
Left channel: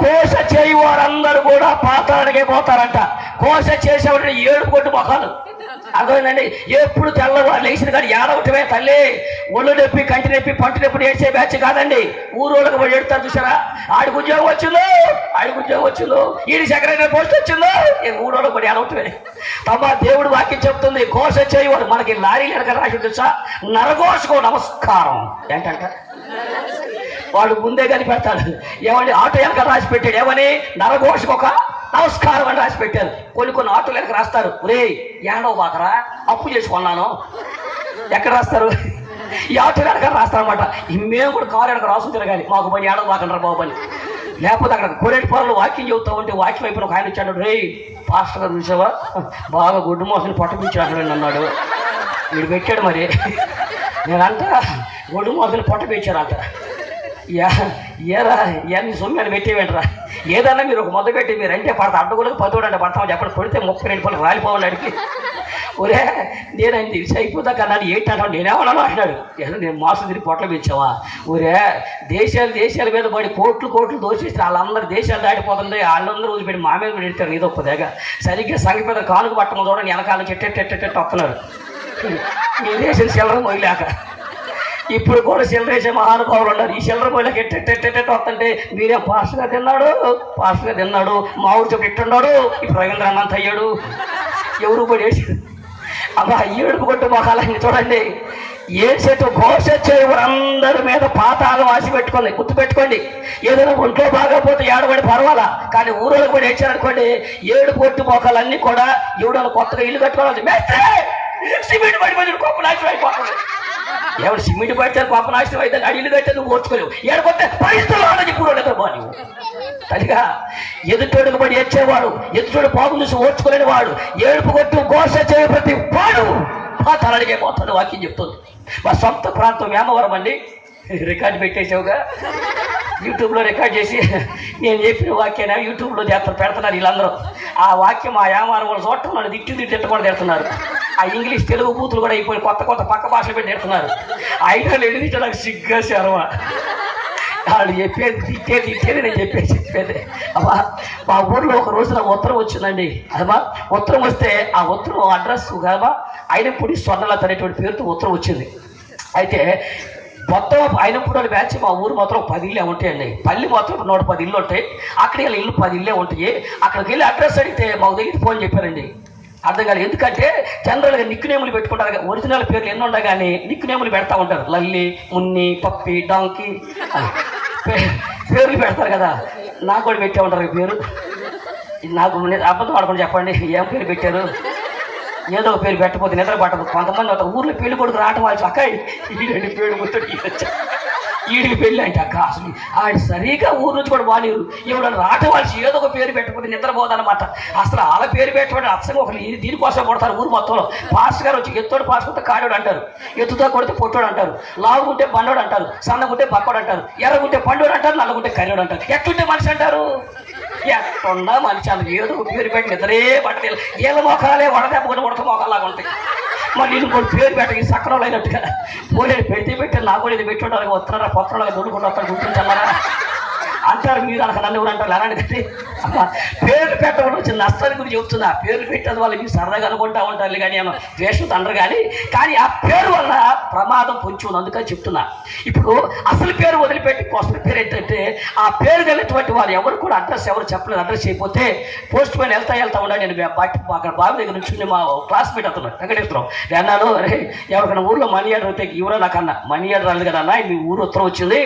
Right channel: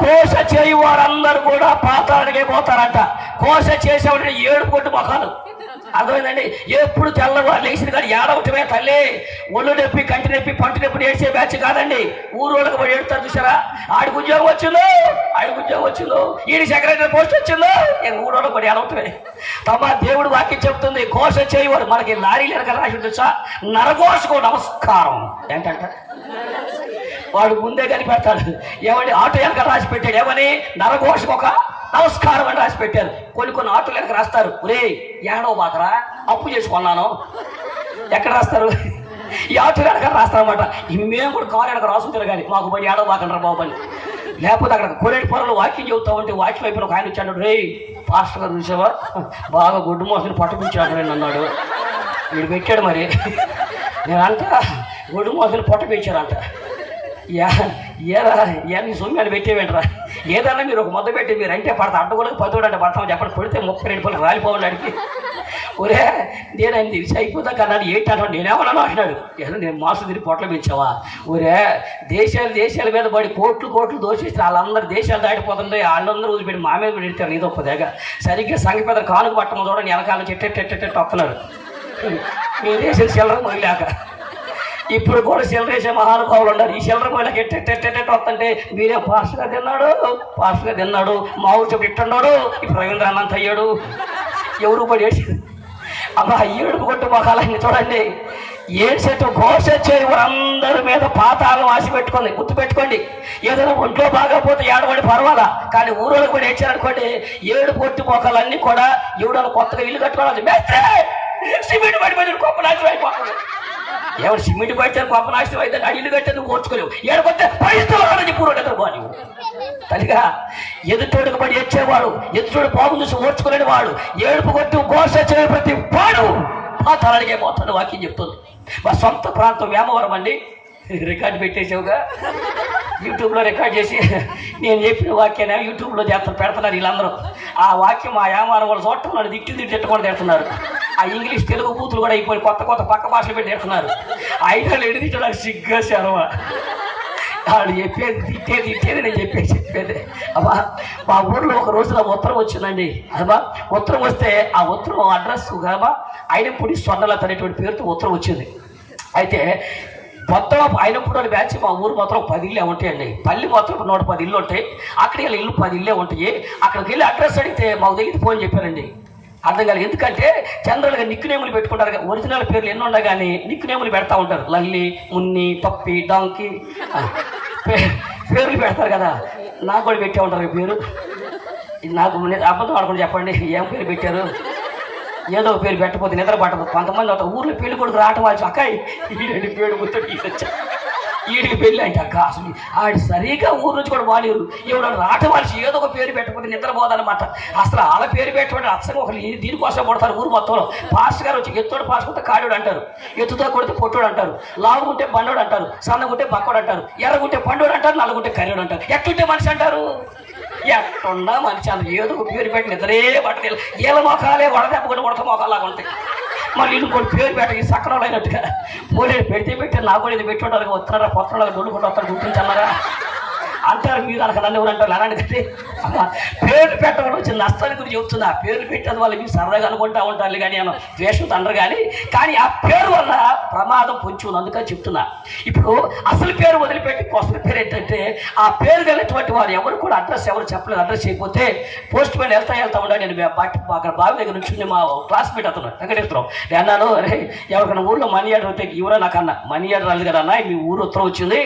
కోస చేయువారందరూ కూడా పాతాళానికే పోతారంట. కోస చేసేవాడు 7 కొట్టు మొహాలు. అర్థమైందండి? ఎప్పుడు తెల్లవారు లేచిన కానీ ఏడవటమే తల్లి. ఒళ్ళు నొప్పి, కంటి నొప్పి, పంట నొప్పి ఏడ్చే బ్యాచ్ కాదండి. ఊరోళ్ళకి పడి ఏడుతారు చూసారా? ఆడికి ఉద్యోగం వచ్చిందో, ఈడి సెక్రటరీ పోస్ట్ వచ్చిందో, ఊరోళ్ళకి పడి ఏడవటమే. తమ దేవుడు వాక్యం చెప్తుంది, కోస చేయవాడు. మనకి లారీలు ఎనక రాసి తెలుసా? నరఘోషకు నమస్కారం ఏంటంట. వాడు ముందే కనిపెడతాడు. ఏమని ఆటో వెనక రాసి పెట్టాడు, ఏమని నరఘోషకు ఒక నమస్కారం అని రాసి పెట్టారు. కొన్ని ఆటోలు వెనక రాస్తారు, ఒరే ఏడో బాకరా అప్పు చేసుకున్నాను. ఎక్కడ రాస్తారు? ఈ ఆటో వెనక రాస్తారన్నమాట. మేము కూడా కారు వెనక రాసుకుంటారు కానీ మాకు పని ఏడో బాకంటారు బాబు అని. లేకపోతే అక్కడ కొరేటి పొరలు వాక్యం చెబుతా ఉంటే వాక్యం అయిపోయిన ఒక ఆయన వచ్చాడు, రే పాస్టర్ గారు చూసావా బాగా గుడ్డు మోసని పట్టపించాడు అన్నాడు. వీడు పెట్టాడు. మరి నేనంట గొడ్డు మోసని పొట్ట పెంచారంట. ఏరా నీ సొమ్మిని పెట్టేవేంటరా? ఏదన్నా మీరు ఒక మొదలు పెట్టి మీరు అంటే పడతా అడ్డగోళ్ళకి 10 అంటే పడతాం చెప్పండి. కొడితే 32 రూపాయలు రాలిపోవాలి అడిగి. ఒరే నేను తెలిసి అయిపోతా కన్నాడు. ఏంటి అన్నాడు. నేనేమన్నాను అంటున్నాడు. నేను మోసం తిరిగి పొట్టలు పెంచావా? ఒరే దేశాల మీద పడి కోట్లు దోషిస్తే వాళ్ళందరూ దేశాలు దాటిపోతుంది. వాళ్ళందరూ వదిలిపెట్టి మా మీద పెడతారు. ఏదో ఒక్కదేగా సరిగ్గా సంఘ పెద్ద కానుక పట్టడం చూడండి వెనకాల చెట్టెట్టెట్టెట్టు వస్తున్నాడు. మీరు వేసిన చిల్లర మొయ్యలేక. ఇప్పుడు కూడా చిల్లరేసే మహానుభావులు ఉన్నారు. ఈ చిల్లర మొయ్యలకి ఎట్టెట్టెట్టెట్టు వస్తుంటే మీరే పాస్టర్గా తిన్నాడు మా ఊరు చెప్పి ఎట్టున్నాడు. ఇప్పుడు రవీంద్ర అన్నంత అయ్యాడు. ఎవరు పడి ఏడ్చాడు. అప్పుడు ఏడుపు కొట్టు మొహాలన్నీ చూడండి. ఏడ్చేట్టు ఘోష చేయవు అందరి మీద పాతాలు ఆశ పెట్టుకోండి. గుర్తుపెట్టుకోండి, ఏదైనా ఒంట్లో బాగపోతే ఏడబడి పర్వాలా, కానీ ఊరోళ్ళకి కూడా ఏడ్చారనుకోండి ఏడు కొట్టు మొక్కలన్నీ కూడా ఎవడన్నా కొత్తగా ఇల్లు కట్టుకోవాలి. సిమెంట్ పడిపోయి గొప్ప నాశనం అయిపోతుంది. ఎవరు సిమెంట్ పడితే గొప్ప నాశనం అయితే ఇల్లు కట్టే నువ్వు ఓర్చుకోలేవు. ఏడుకొస్తే పరిస్థితులు చెప్పు ఎదురు బాని కలిగా ఎదుటోడికి పడి ఏడ్చేవాడు, ఎదుటోడు బాబు చూసి ఓర్చుకోలేని వాడు, ఏడుపు కొట్టు ఘోష చేయ ప్రతి వాడు తలడిగే పోతాడు. వాక్యం చెప్తుంది. మా సొంత ప్రాంతం వేమవరం అండి. రికార్డు పెట్టేసావుగా, యూట్యూబ్లో రికార్డ్ చేసి నేను చెప్పిన వాక్యాన్ని యూట్యూబ్లో పెడుతున్నారు వీళ్ళందరూ. ఆ వాక్యం ఆ యామారం వాళ్ళు చూడటం వాళ్ళు తిట్టు కూడా తిడుతున్నారు. ఆ ఇంగ్లీష్ తెలుగు బూతులు కూడా అయిపోయి కొత్త పక్క భాషలు పెట్టి తిడుతున్నారు. ఐదాలు ఎడితే నాకు సిగ్గా శర్మ. వాళ్ళు చెప్పేది తిట్టేది నేను చెప్పేది. అమ్మా మా ఊర్లో ఒక రోజున ఉత్తరం వచ్చిందండి. అమ్మా ఉత్తరం వస్తే ఆ ఉత్తరం అడ్రస్ కామా అయినప్పుడు స్వర్ణలత అనేటువంటి పేరుతో ఉత్తరం వచ్చింది. అయితే మొత్తం అయినప్పుడు అని బ్యాచ్ మా ఊరు మాత్రం 10 ఇళ్ళే ఉంటాయండి. పల్లి మాత్రం 110 ఇళ్ళు ఉంటాయి. అక్కడికి వెళ్ళి ఇల్లు 10 ఇళ్ళే ఉంటాయి. అక్కడికి వెళ్ళి అడ్రస్ అడిగితే మాకు తెలియదు ఫోన్ చెప్పారండి. అర్థం కాదు. ఎందుకంటే జనరల్గా నిక్ నేములు పెట్టుకుంటారు. ఒరిజినల్ పేర్లు ఎన్ని ఉన్నా కానీ నిక్ నేములు పెడతా ఉంటారు. లల్లి, మున్ని, పప్పి, డాంకి పేర్లు పెడతారు కదా. నాకు కూడా పెట్టే ఉంటారు పేరు. నాకు అబద్ధం ఆడుకొని చెప్పండి ఏం పేరు పెట్టారు? ఏదో పేరు పెట్టకపోతే నిద్ర పట్టదు. కొంతమంది ఊర్లో పెళ్లి కొడుకు రావటం వాళ్ళు అక్క ఈడని పేరు గుర్తు ఈడికి పెళ్ళి అంటే అక్క అసలు ఆడి సరిగా ఊరు నుంచి కూడా వాలేరు. ఎవడన్నా రావటం వాళ్ళు ఏదో ఒక పేరు పెట్టకపోతే నిద్రపోదన్నమాట. అసలు వాళ్ళ పేరు పెట్టబడి అసలు ఒకరు దీనికోసం కొడతారు ఊరు మొత్తంలో. పాస్టర్ గారు వచ్చి ఎత్తోడు పాస్ కొడితే కాడోడు అంటారు, ఎత్తుతో కొడితే పొట్టోడు అంటారు, లావుగుంటే బండోడు అంటారు, సన్నగుంటే బక్కోడు అంటారు, ఎర్రగుంటే పండోడు అంటారు, నల్లగుంటే కర్రోడు అంటారు. ఎట్లుంటే మనిషి అంటారు? ఎట్లున్నా మనిషి అలా ఏదో ఒక పేరు పెట్టి నిద్రే పట్టేది. ఏళ్ళ మొఖాలే ఉడదెప్పకుండా ఉడత మొఖాలాగా ఉంటాయి. మళ్ళీ ఇంకోటి పేరు పెట్ట ఈ సక్రంలో అయినట్టుగా పోలేదు పెడితే పెట్టారు నాకు కూడా ఇది పెట్టి ఉంటారు వస్తున్నారా కొత్తగా దొల్లుకుంటూ వస్తారు గుర్తించాలరా అంటారు. మీరు అనక నన్ను ఎవరు అంటారు అలాంటిది పేర్లు పెట్టడం వచ్చింది నష్టాన్ని గురించి చెబుతున్నా. పేర్లు పెట్టడం వల్ల మీరు సరదాగా అనుకుంటా ఉంటారు కానీ ఏమో వేషం తండ్రి కానీ ఆ పేరు వల్ల ప్రమాదం పొంచి ఉంది. అందుకని చెప్తున్నా. ఇప్పుడు అసలు పేరు వదిలిపెట్టి అసలు పేరు ఏంటంటే ఆ పేరు కలిగినటువంటి వారు ఎవరు కూడా అడ్రస్ ఎవరు చెప్పలేదు. అడ్రస్ చేయకపోతే పోస్ట్ మ్యాన్ వెళ్తా ఉండాలి. నేను అక్కడ బావి దగ్గర నుంచి మా క్లాస్మేట్ అతను వెంకటేశ్వరం అన్నాను, అరే ఎవరికైనా ఊర్లో మనీ ఆర్డర్ అయితే ఎవరో నాకు అన్న మనీ ఆర్డర్ అన్నది కదా అన్న మీ ఊరు ఉత్తరం వచ్చింది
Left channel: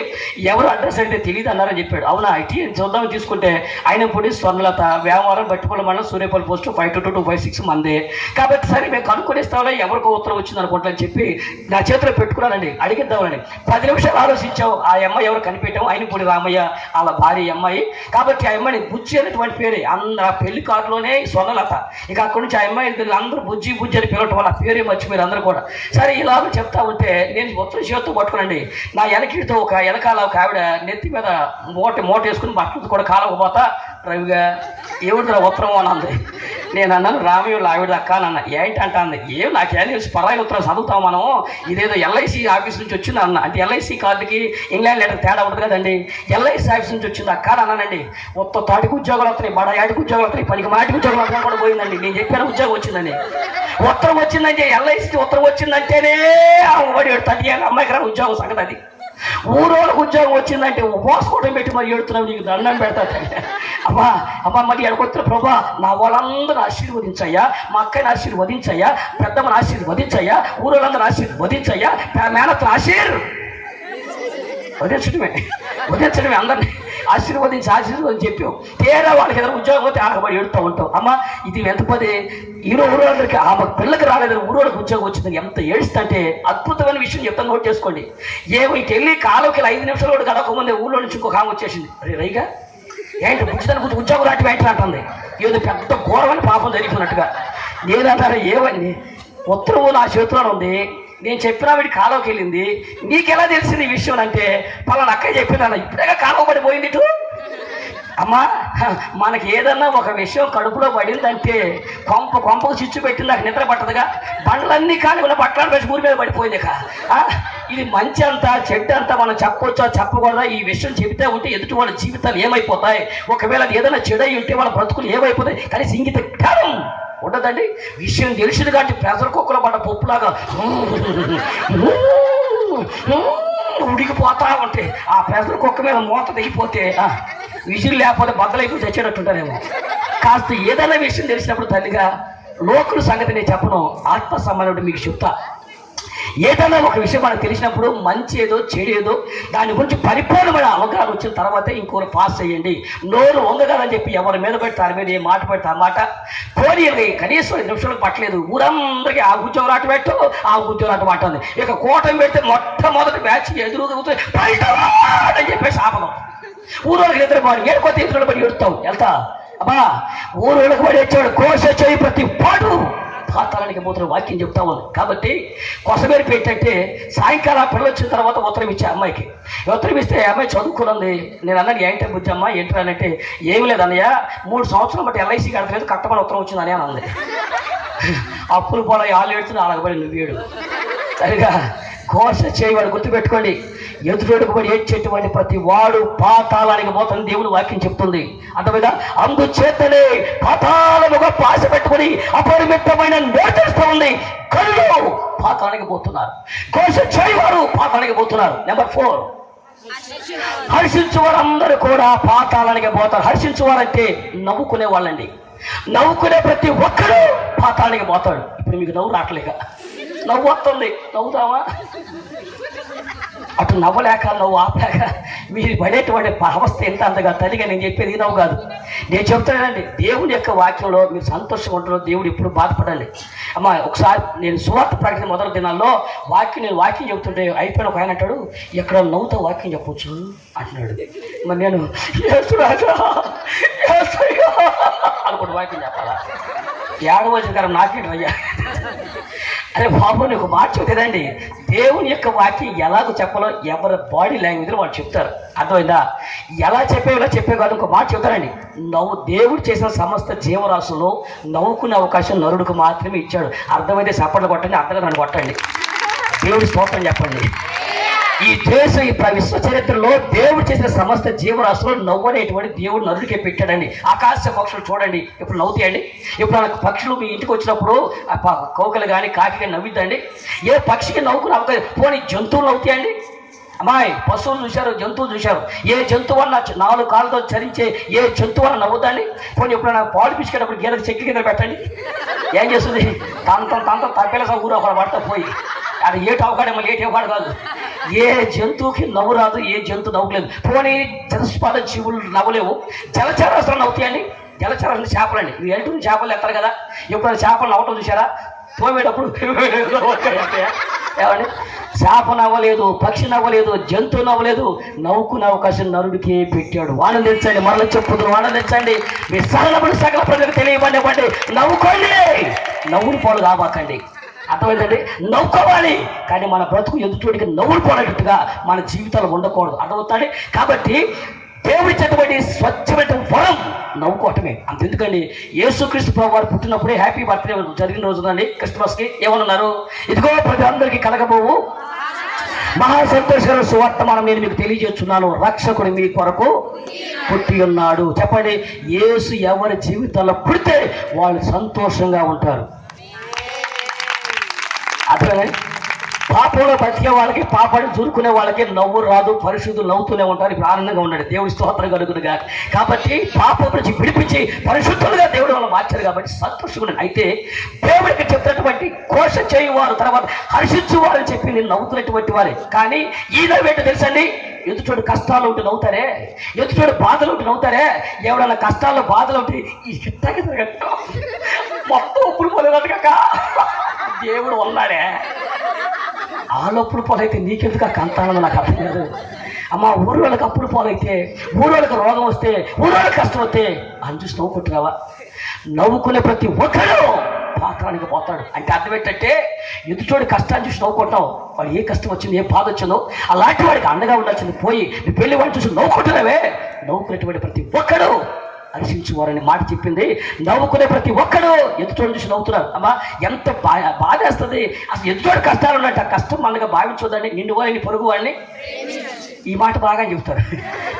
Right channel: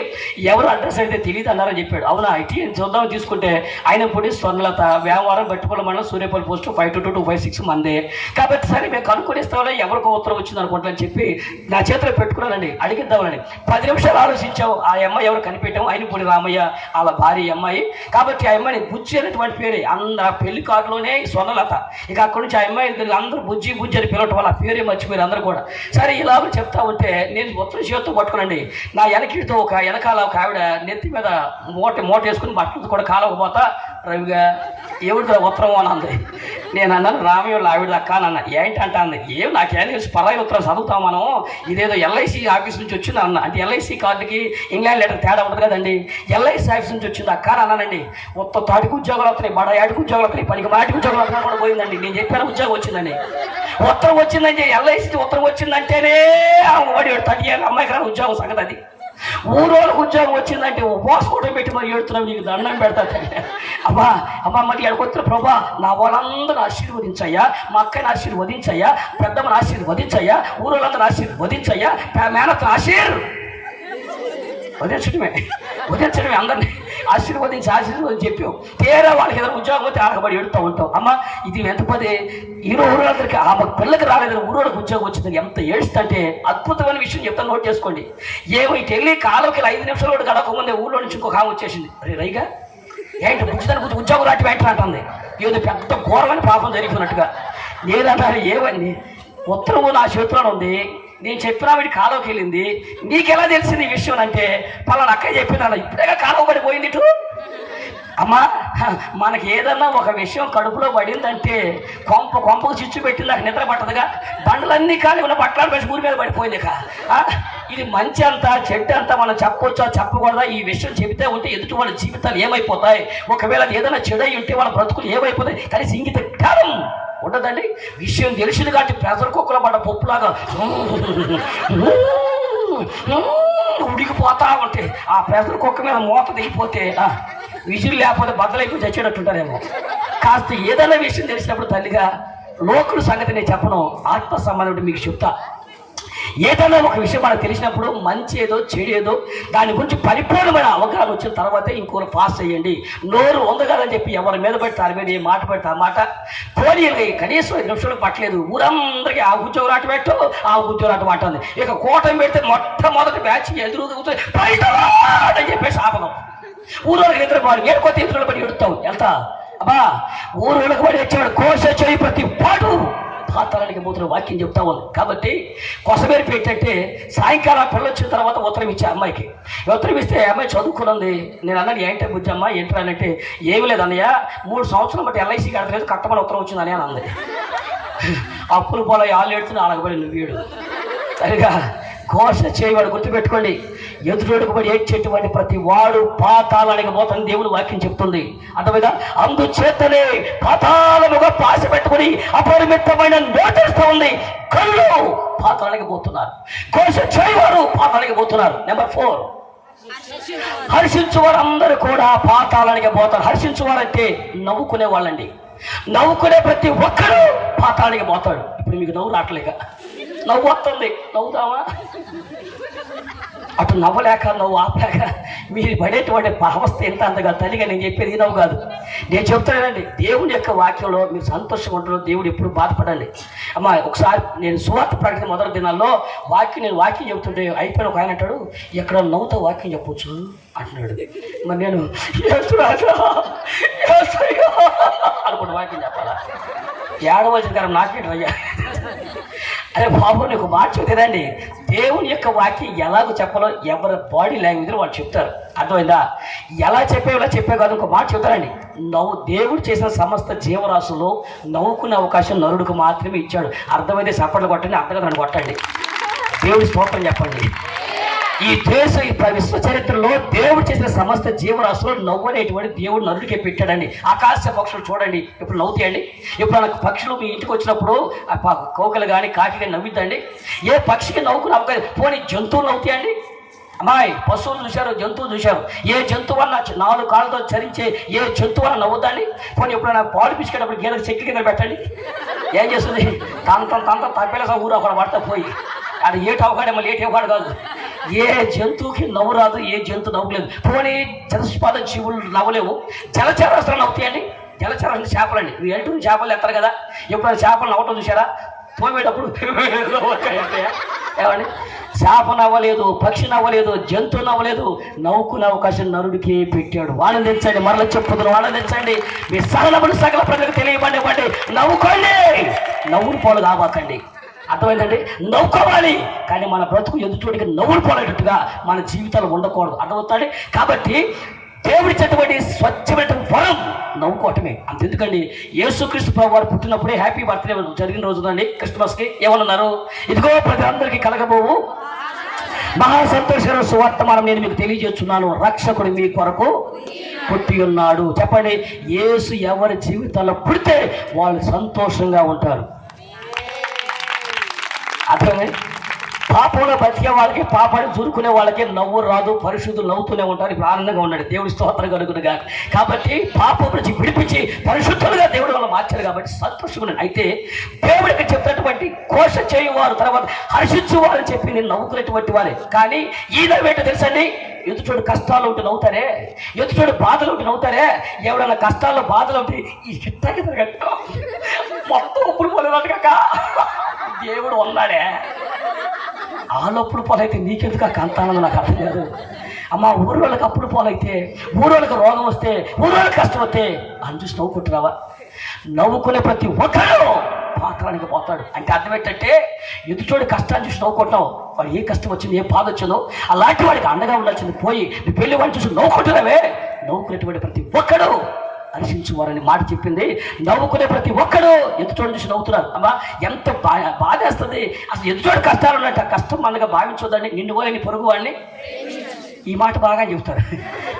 ఎవరు అడ్రస్ అయితే తెలియదు అన్నారని చెప్పాడు. అవునా ఐటీ చూద్దామని తీసుకుంటే ఆయన పొడి స్వర్ణలత వేమవారం బట్టిపల్లి మండలం సూర్యపల్లి పోస్ట్ 522-256 మంది కాబట్టి సరే మేము కనుక్కొనిస్తామని ఎవరికో ఉత్తరం వచ్చింది అనుకుంటా అని చెప్పి నా చేతిలో పెట్టుకున్నానండి. అడిగిద్దామని 10 నిమిషాలు ఆలోచించావు. ఆ అమ్మాయి ఎవరు కనిపెట్టాము ఆయన పొడి రామయ్య వాళ్ళ భార్య అమ్మాయి కాబట్టి ఆ అమ్మాయిని బుజ్జి అనేటువంటి పేరే అందరు పెళ్లి కార్డులోనే స్వర్ణలత. ఇక అక్కడి నుంచి ఆ అమ్మాయి అందరూ బుజ్జి అని పిలవటం వల్ల పేరే మర్చిపోయారు అందరూ కూడా. సరే ఇలా చెప్తా ఉంటే నేను ఉత్తరం చేతితో పట్టుకునండి నా వెనకతో వెనకాల ఒక ఆవిడ నెత్తి మీద మూట వేసుకుని బట్టలు కూడా కాలకపోతా రవిగా ఏమిటి ఉత్తరం అని అంది. నేను అన్నాను రామయ్య ఆవిడ అక్క అన్న ఏంటి అంటే అంది ఏం నాకేం తెలుసు పరాయి ఉత్తరం చదువుతాం మనం ఇదేదో ఎల్ఐసి ఆఫీస్ నుంచి వచ్చింది అన్న. అంటే ఎల్ఐసి కార్డుకి ఇంగ్లాండ్ లెటర్ తేడా ఉంటుంది కదండి. ఎల్ఐసి ఆఫీస్ నుంచి వచ్చింది అక్క అన్నానండి. మొత్తం తాటికి ఉద్యోగాలు వస్తున్నాయి బడాయాడికి ఉద్యోగాలు వస్తున్నాయి పనికి మాటికి ఉద్యోగాలు వస్తున్నా కూడా పోయిందండి. నేను చెప్పాను ఉద్యోగం వచ్చిందని ఉత్తరం వచ్చిందంటే ఎల్ఐసి ఉత్తరం వచ్చిందంటేనే వాడి 30 ఏళ్ళ అమ్మాయికి రాని ఉద్యోగం సంగతి అది. ఊరోళ్ళకు ఉద్యోగం వచ్చిందంటే ఉపవాసం పెట్టి మరి ఏడుతున్నావు నీకు దండం పెడతాదంటే అమ్మా మరి ఎక్కడొచ్చిన ప్రభా నా వాళ్ళందరూ ఆశీర్వదించయ్యా మా అక్కని ఆశీర్వదించయ్యా పెద్దమ్మని ఆశీర్వదించయ్యా ఊరోళ్ళందరూ ఆశీర్వదించయ్యా మేనత్తను వదిలించడమే అందరినీ ఆశీర్వదించి చెప్పాం. తీరా వాళ్ళకి ఏదైనా ఉద్యోగం అయితే ఆగబడి ఏడుతూ ఉంటాం. అమ్మ ఇది ఎంత పదే ఊరోళ్ళందరికీ ఆమె పిల్లకి రాలేదని ఊరోళ్ళకి ఉద్యోగం వచ్చిందని ఎంత ఏడుస్తుంటే అద్భుతమైన విషయం చెప్తాను నోట్ చేసుకోండి. ఏమో ఇటు వెళ్ళి కాలువకి 5 నిమిషాలు కూడా గడవకముందే ఊళ్ళో నుంచి ఇంకొక ఆమె వచ్చేసింది. అరే రైగా ఏంటి బుజ్జిదానికి ఉద్యోగం రాటి వెంటనే అంటుంది. ఏదో పెద్ద ఘోరమైన పాపం జరిగిపోయినట్టుగా. నేనంటాను ఏమని ఉత్తరం నా చేతిలో ఉంది నేను చెప్పినా వీడి కాలువకి వెళ్ళింది నీకెలా తెలిసింది ఈ విషయం అంటే పలానా అక్కయ్య చెప్పిందన్న ఇప్పుడే కాలువ పడిపోయింది ఇటు. అమ్మా మనకి ఏదన్నా ఒక విషయం కడుపులో పడిందంటే కొంపకు చిచ్చు పెట్టి నాకు నిద్ర పట్టదుగా బండలన్నీ కానీ ఉన్న బట్టలు పెట్టి ఊరి మీద పడిపోయింది. ఇది మంచి అంతా చెడ్డ అంతా మనం చెప్పొచ్చా చెప్పకూడదా ఈ విషయం చెబితే ఉంటే ఎదుటి వాళ్ళ జీవితాలు ఏమైపోతాయి ఒకవేళ ఏదైనా చెడై ఉంటే వాళ్ళ బ్రతుకులు ఏమైపోతాయి కానీ ఇంగిత కాలం ఉండదండి. విషయం తెలిసింది కాబట్టి ప్రెషర్ కుక్కలో పడ్డ పప్పులాగా ఉడికిపోతా ఉంటే ఆ ప్రెషర్ కుక్క మీద మూత దిగిపోతే విజిల్ లేకపోతే బద్దలైపోయి చచ్చేటట్టుంటారేమో. కాస్త ఏదైనా విషయం తెలిసినప్పుడు తల్లిగా లోకుల సంగతి నేను చెప్పను ఆత్మ సంబంధం మీకు చెప్తా. ఏదైనా ఒక విషయం మనకు తెలిసినప్పుడు మంచి ఏదో చెడు ఏదో దాని గురించి పరిపూర్ణమైన అవగాహన వచ్చిన తర్వాతే ఇంకోరు పాస్ చేయండి. నోరు వందగాలని చెప్పి ఎవరి మీద పడితే దాని మీద ఏ మాట పడితే ఆ మాట పోనీ కనీసం 5 నిమిషాలకు పట్టలేదు ఊరందరికీ ఆ ఉద్యోగం ఆట పెట్టు ఆ ఉద్యోగం ఆట పట్టింది. ఇక కూటమి పెడితే మొట్టమొదటి బ్యాచ్ ఎదురు అని చెప్పేసి ఆపదం ఊరోళ్ళకి నిద్రపోవాలి ఏడుకోతే ఎదురు పడి ఎడుతావు వెళ్తా అబ్బా ఊరోళ్ళకి పడి వచ్చాడు కోర్స్ వచ్చాయి ప్రతి పాటు పాతాళానికి పోతున్న వాక్యం చెప్తా ఉంది. కాబట్టి కొసమేరు పెట్టంటే సాయంకాలం పిల్లలు వచ్చిన తర్వాత ఉత్తరం ఇచ్చే అమ్మాయికి ఉత్తరం ఇస్తే అమ్మాయి చదువుకున్నది. నేను అన్నాను ఏంటంటే బుజ్జమ్మ ఏంటరా అంటే ఏమి లేదన్నయ్య 3 సంవత్సరాలు బట్టి ఎల్ఐసి కడతలేదు కట్టమని ఉత్తరం వచ్చిందని అని అంది. అప్పులు పోలా ఆళ్ళు ఏడుతున్నా అలాగబడి నువ్వు ఏడు సరిగా ఘోష చేయవాడు గుర్తుపెట్టుకోండి. ఎదురుడుకు పడి ఏడ్చేటువంటి ప్రతి వాడు పాతాళానికి పోతాను దేవుడు వాక్యం చెప్తుంది. అర్థమైనా అందుచేతనే పాతాళము గొప్ప ఆశ పెట్టుకుని అపరిమితమైన నోటిస్తూ ఉంది కళ్ళు పాతాళానికి పోతున్నారు. ఘోష చేయవారు పాతాళానికి పోతున్నారు. నెంబర్ 4 హర్షించువారు అందరూ కూడా పాతాళానికి పోతారు. హర్షించువారంటే నవ్వుకునే వాళ్ళండి. నవ్వుకునే ప్రతి ఒక్కరు పాతాళానికి పోతాడు. ఇప్పుడు మీకు నవ్వు రావట్లేక నవ్వు వస్తుంది నవ్వుతావా అటు నవ్వలేక నవ్వు ఆపలేక మీరు పడేటువంటి అవస్థ ఎంత అంతగా తల్లిగా నేను చెప్పేది ఈ నవ్వు కాదు. నేను చెప్తానండి దేవుని యొక్క వాక్యంలో మీరు సంతోషంగా ఉంటారు. దేవుడు ఎప్పుడు బాధపడండి. అమ్మా ఒకసారి నేను సువార్త ప్రకటన మొదటి దినాల్లో నేను వాక్యం చెప్తుంటే అయిపోయిన ఒక ఆయన అంటాడు ఎక్కడ నవ్వుతో వాక్యం చెప్పవచ్చు అంటున్నాడు. మరి నేను అనుకుంటే వాక్యం చెప్పాలా ఏడవలసిన కారణం నాకేంటి అయ్యా అరే బాబు నీకు మాట చెప్తేదండి, దేవుని యొక్క వాక్యం ఎలాగో చెప్పాలో ఎవరి బాడీ లాంగ్వేజ్లో వాళ్ళు చెప్తారు. అర్థమైందా? ఎలా చెప్పే కాదు, ఇంకో మాట చెప్తారండి. దేవుడు చేసిన సమస్త జీవరాశుల్లో నవ్వుకునే అవకాశం నరుడికి మాత్రమే ఇచ్చాడు. అర్థమైతే చప్పట్లు కొట్టండి, అర్థంగా నన్ను కొట్టండి, దేవుడి స్తోత్రం చెప్పండి. ఈ దేశం ఈ విశ్వ చరిత్రలో దేవుడు చేసిన సమస్త జీవరాశులు నవ్వనేటువంటి దేవుడు నరుడికే పెట్టాడండి. ఆకాశ పక్షులు చూడండి, ఇప్పుడు నవ్వుతాయండి. ఇప్పుడు పక్షులు మీ ఇంటికి వచ్చినప్పుడు కోకలు కానీ కాకి కానీ నవ్వుద్దండి. ఏ పక్షికి నవ్వుకుని అవ్వదు. పోనీ జంతువులు నవ్వుతాయండి. అమ్మాయి పశువులు చూశారు, జంతువులు చూశారు. ఏ జంతువు వల్ల 4 కాళ్ళతో చరించే ఏ జంతువు వల్ల నవ్వుతాండి? పోనీ ఇప్పుడు నాకు పాలు పిసుకేటప్పుడు గీదకు చెక్కి కింద పెట్టండి, ఏం చేస్తుంది? తాంత తప్పేలా ఊరు ఒక పడతా పోయి అది ఏటి అవకాడు, మళ్ళీ ఏటి అవకాడు కాదు. ఏ జంతువుకి నవ్వు రాదు, ఏ జంతువు నవ్వులేదు. పోనీ చతుష్పాద జీవులు నవ్వలేవు, జలచరాలు నవ్వుతాయండి. జలచరాలు చేపలండి, ఇది ఎంటుని చేపలు ఎత్తారు కదా. ఎప్పుడైనా చేపలు నవ్వటం చూసారా? తోమేటప్పుడు ఏమండి? చేప నవ్వలేదు, పక్షి నవ్వలేదు, జంతువు నవ్వలేదు. నవ్వుకునే అవకాశం నరుడికి పెట్టాడు. వాళ్ళని తెచ్చండి, మరల చెప్పుతున్న వాళ్ళని తెచ్చండి. మీ సకల ప్రజలకు తెలియబడి నవ్వుకోండి, నవ్వులు పోలు కాబాకండి. అర్థమైందండి? నవ్వుకోవాలి, కానీ మన బ్రతుకు ఎదుటికి నవ్వులు పోలేటట్టుగా మన జీవితాలు ఉండకూడదు. అర్థమవుతాడు? కాబట్టి దేవుడిచ్చేటువంటి స్వచ్ఛమైన వరం నవ్వుకోవటమే. అంతెందుకండి, యేసుక్రీస్తు ప్రభు వారు పుట్టినప్పుడే హ్యాపీ బర్త్డే జరిగిన రోజునండి, క్రిస్మస్కి ఏమన్నారు? ఇదిగో ప్రజలందరికీ కలగబోవు మహా సంతోషకర సువర్తమానం నేను మీకు తెలియజేస్తున్నాను, రక్షకుడు మీ కొరకు పుట్టి ఉన్నాడు. చెప్పండి, యేసు ఎవరి జీవితాల్లో పుడితే వాళ్ళు సంతోషంగా ఉంటారు. అర్థమైంది? పాపంలో బతికే వాళ్ళకి, పాపాన్ని చురుకునే వాళ్ళకి నవ్వు రాదు, పరిశుద్ధులు నవ్వుతూనే ఉంటారు. ఇప్పుడు ఆనందంగా ఉన్నాడు, దేవుడి స్తోత్రం కలుగునుగా. కాబట్టి పాపం నుంచి విడిపించి పరిశుద్ధులుగా దేవుడు వాళ్ళు మార్చారు కాబట్టి సంతోషంగా. అయితే దేవుడికి చెప్తున్నటువంటి కోశ చేయువారు, తర్వాత హర్షించువారు అని చెప్పి నేను నవ్వుకునేటువంటి వారే. కానీ ఈయన ఏంటో తెలుసండి, ఎదుటోడు కష్టాలు ఉంటే నవ్వుతారే, ఎదుటోడు బాధలు ఉంటే నవ్వుతారే. ఎవడన్నా కష్టాలు బాధలు ఉంటే ఈ చిట్టకి తిరగట్టు మొత్తం ఉప్పులు పోలేదట్టుగా దేవుడు ఉన్నాడే. ఆలోపుడు పాలైతే నీకెందుకు కంతానని నాకు అర్థం కాదు. అమ్మ, ఊరు వాళ్ళకి అప్పుడు పాలైతే, ఊరు వాళ్ళకి రోగం వస్తే, ఊరు వాళ్ళకి కష్టం వస్తే అని చూసి నవ్వుకుంటున్నావా? నవ్వుకునే ప్రతి ఒక్కరు పాత్రానికి పోతాడు. అంటే అర్థం ఏంటంటే, ఎదుటోడి కష్టాన్ని చూసి నవ్వుకుంటాం. వాడు ఏ కష్టం వచ్చింది, ఏ బాధ వచ్చిందో అలాంటి వాడికి అండగా ఉండాల్సింది పోయి నీ పెళ్లి వాడిని చూసి నవ్వుకుంటున్నావే. నవ్వుకునేటువంటి ప్రతి ఒక్కడు హర్షించువారని మాట చెప్పింది. నవ్వుకునే ప్రతి ఒక్కడు ఎదుటోడు చూసి నవ్వుతున్నారు. అమ్మా, ఎంత బాధేస్తుంది అసలు. ఎదుటోడు కష్టాలు ఉన్నట్టు కష్టం మనగా భావించొద్దండి. నిన్ను వల్ల నీ పొరుగు వాడిని, ఈ మాట బాగా చెప్తారు,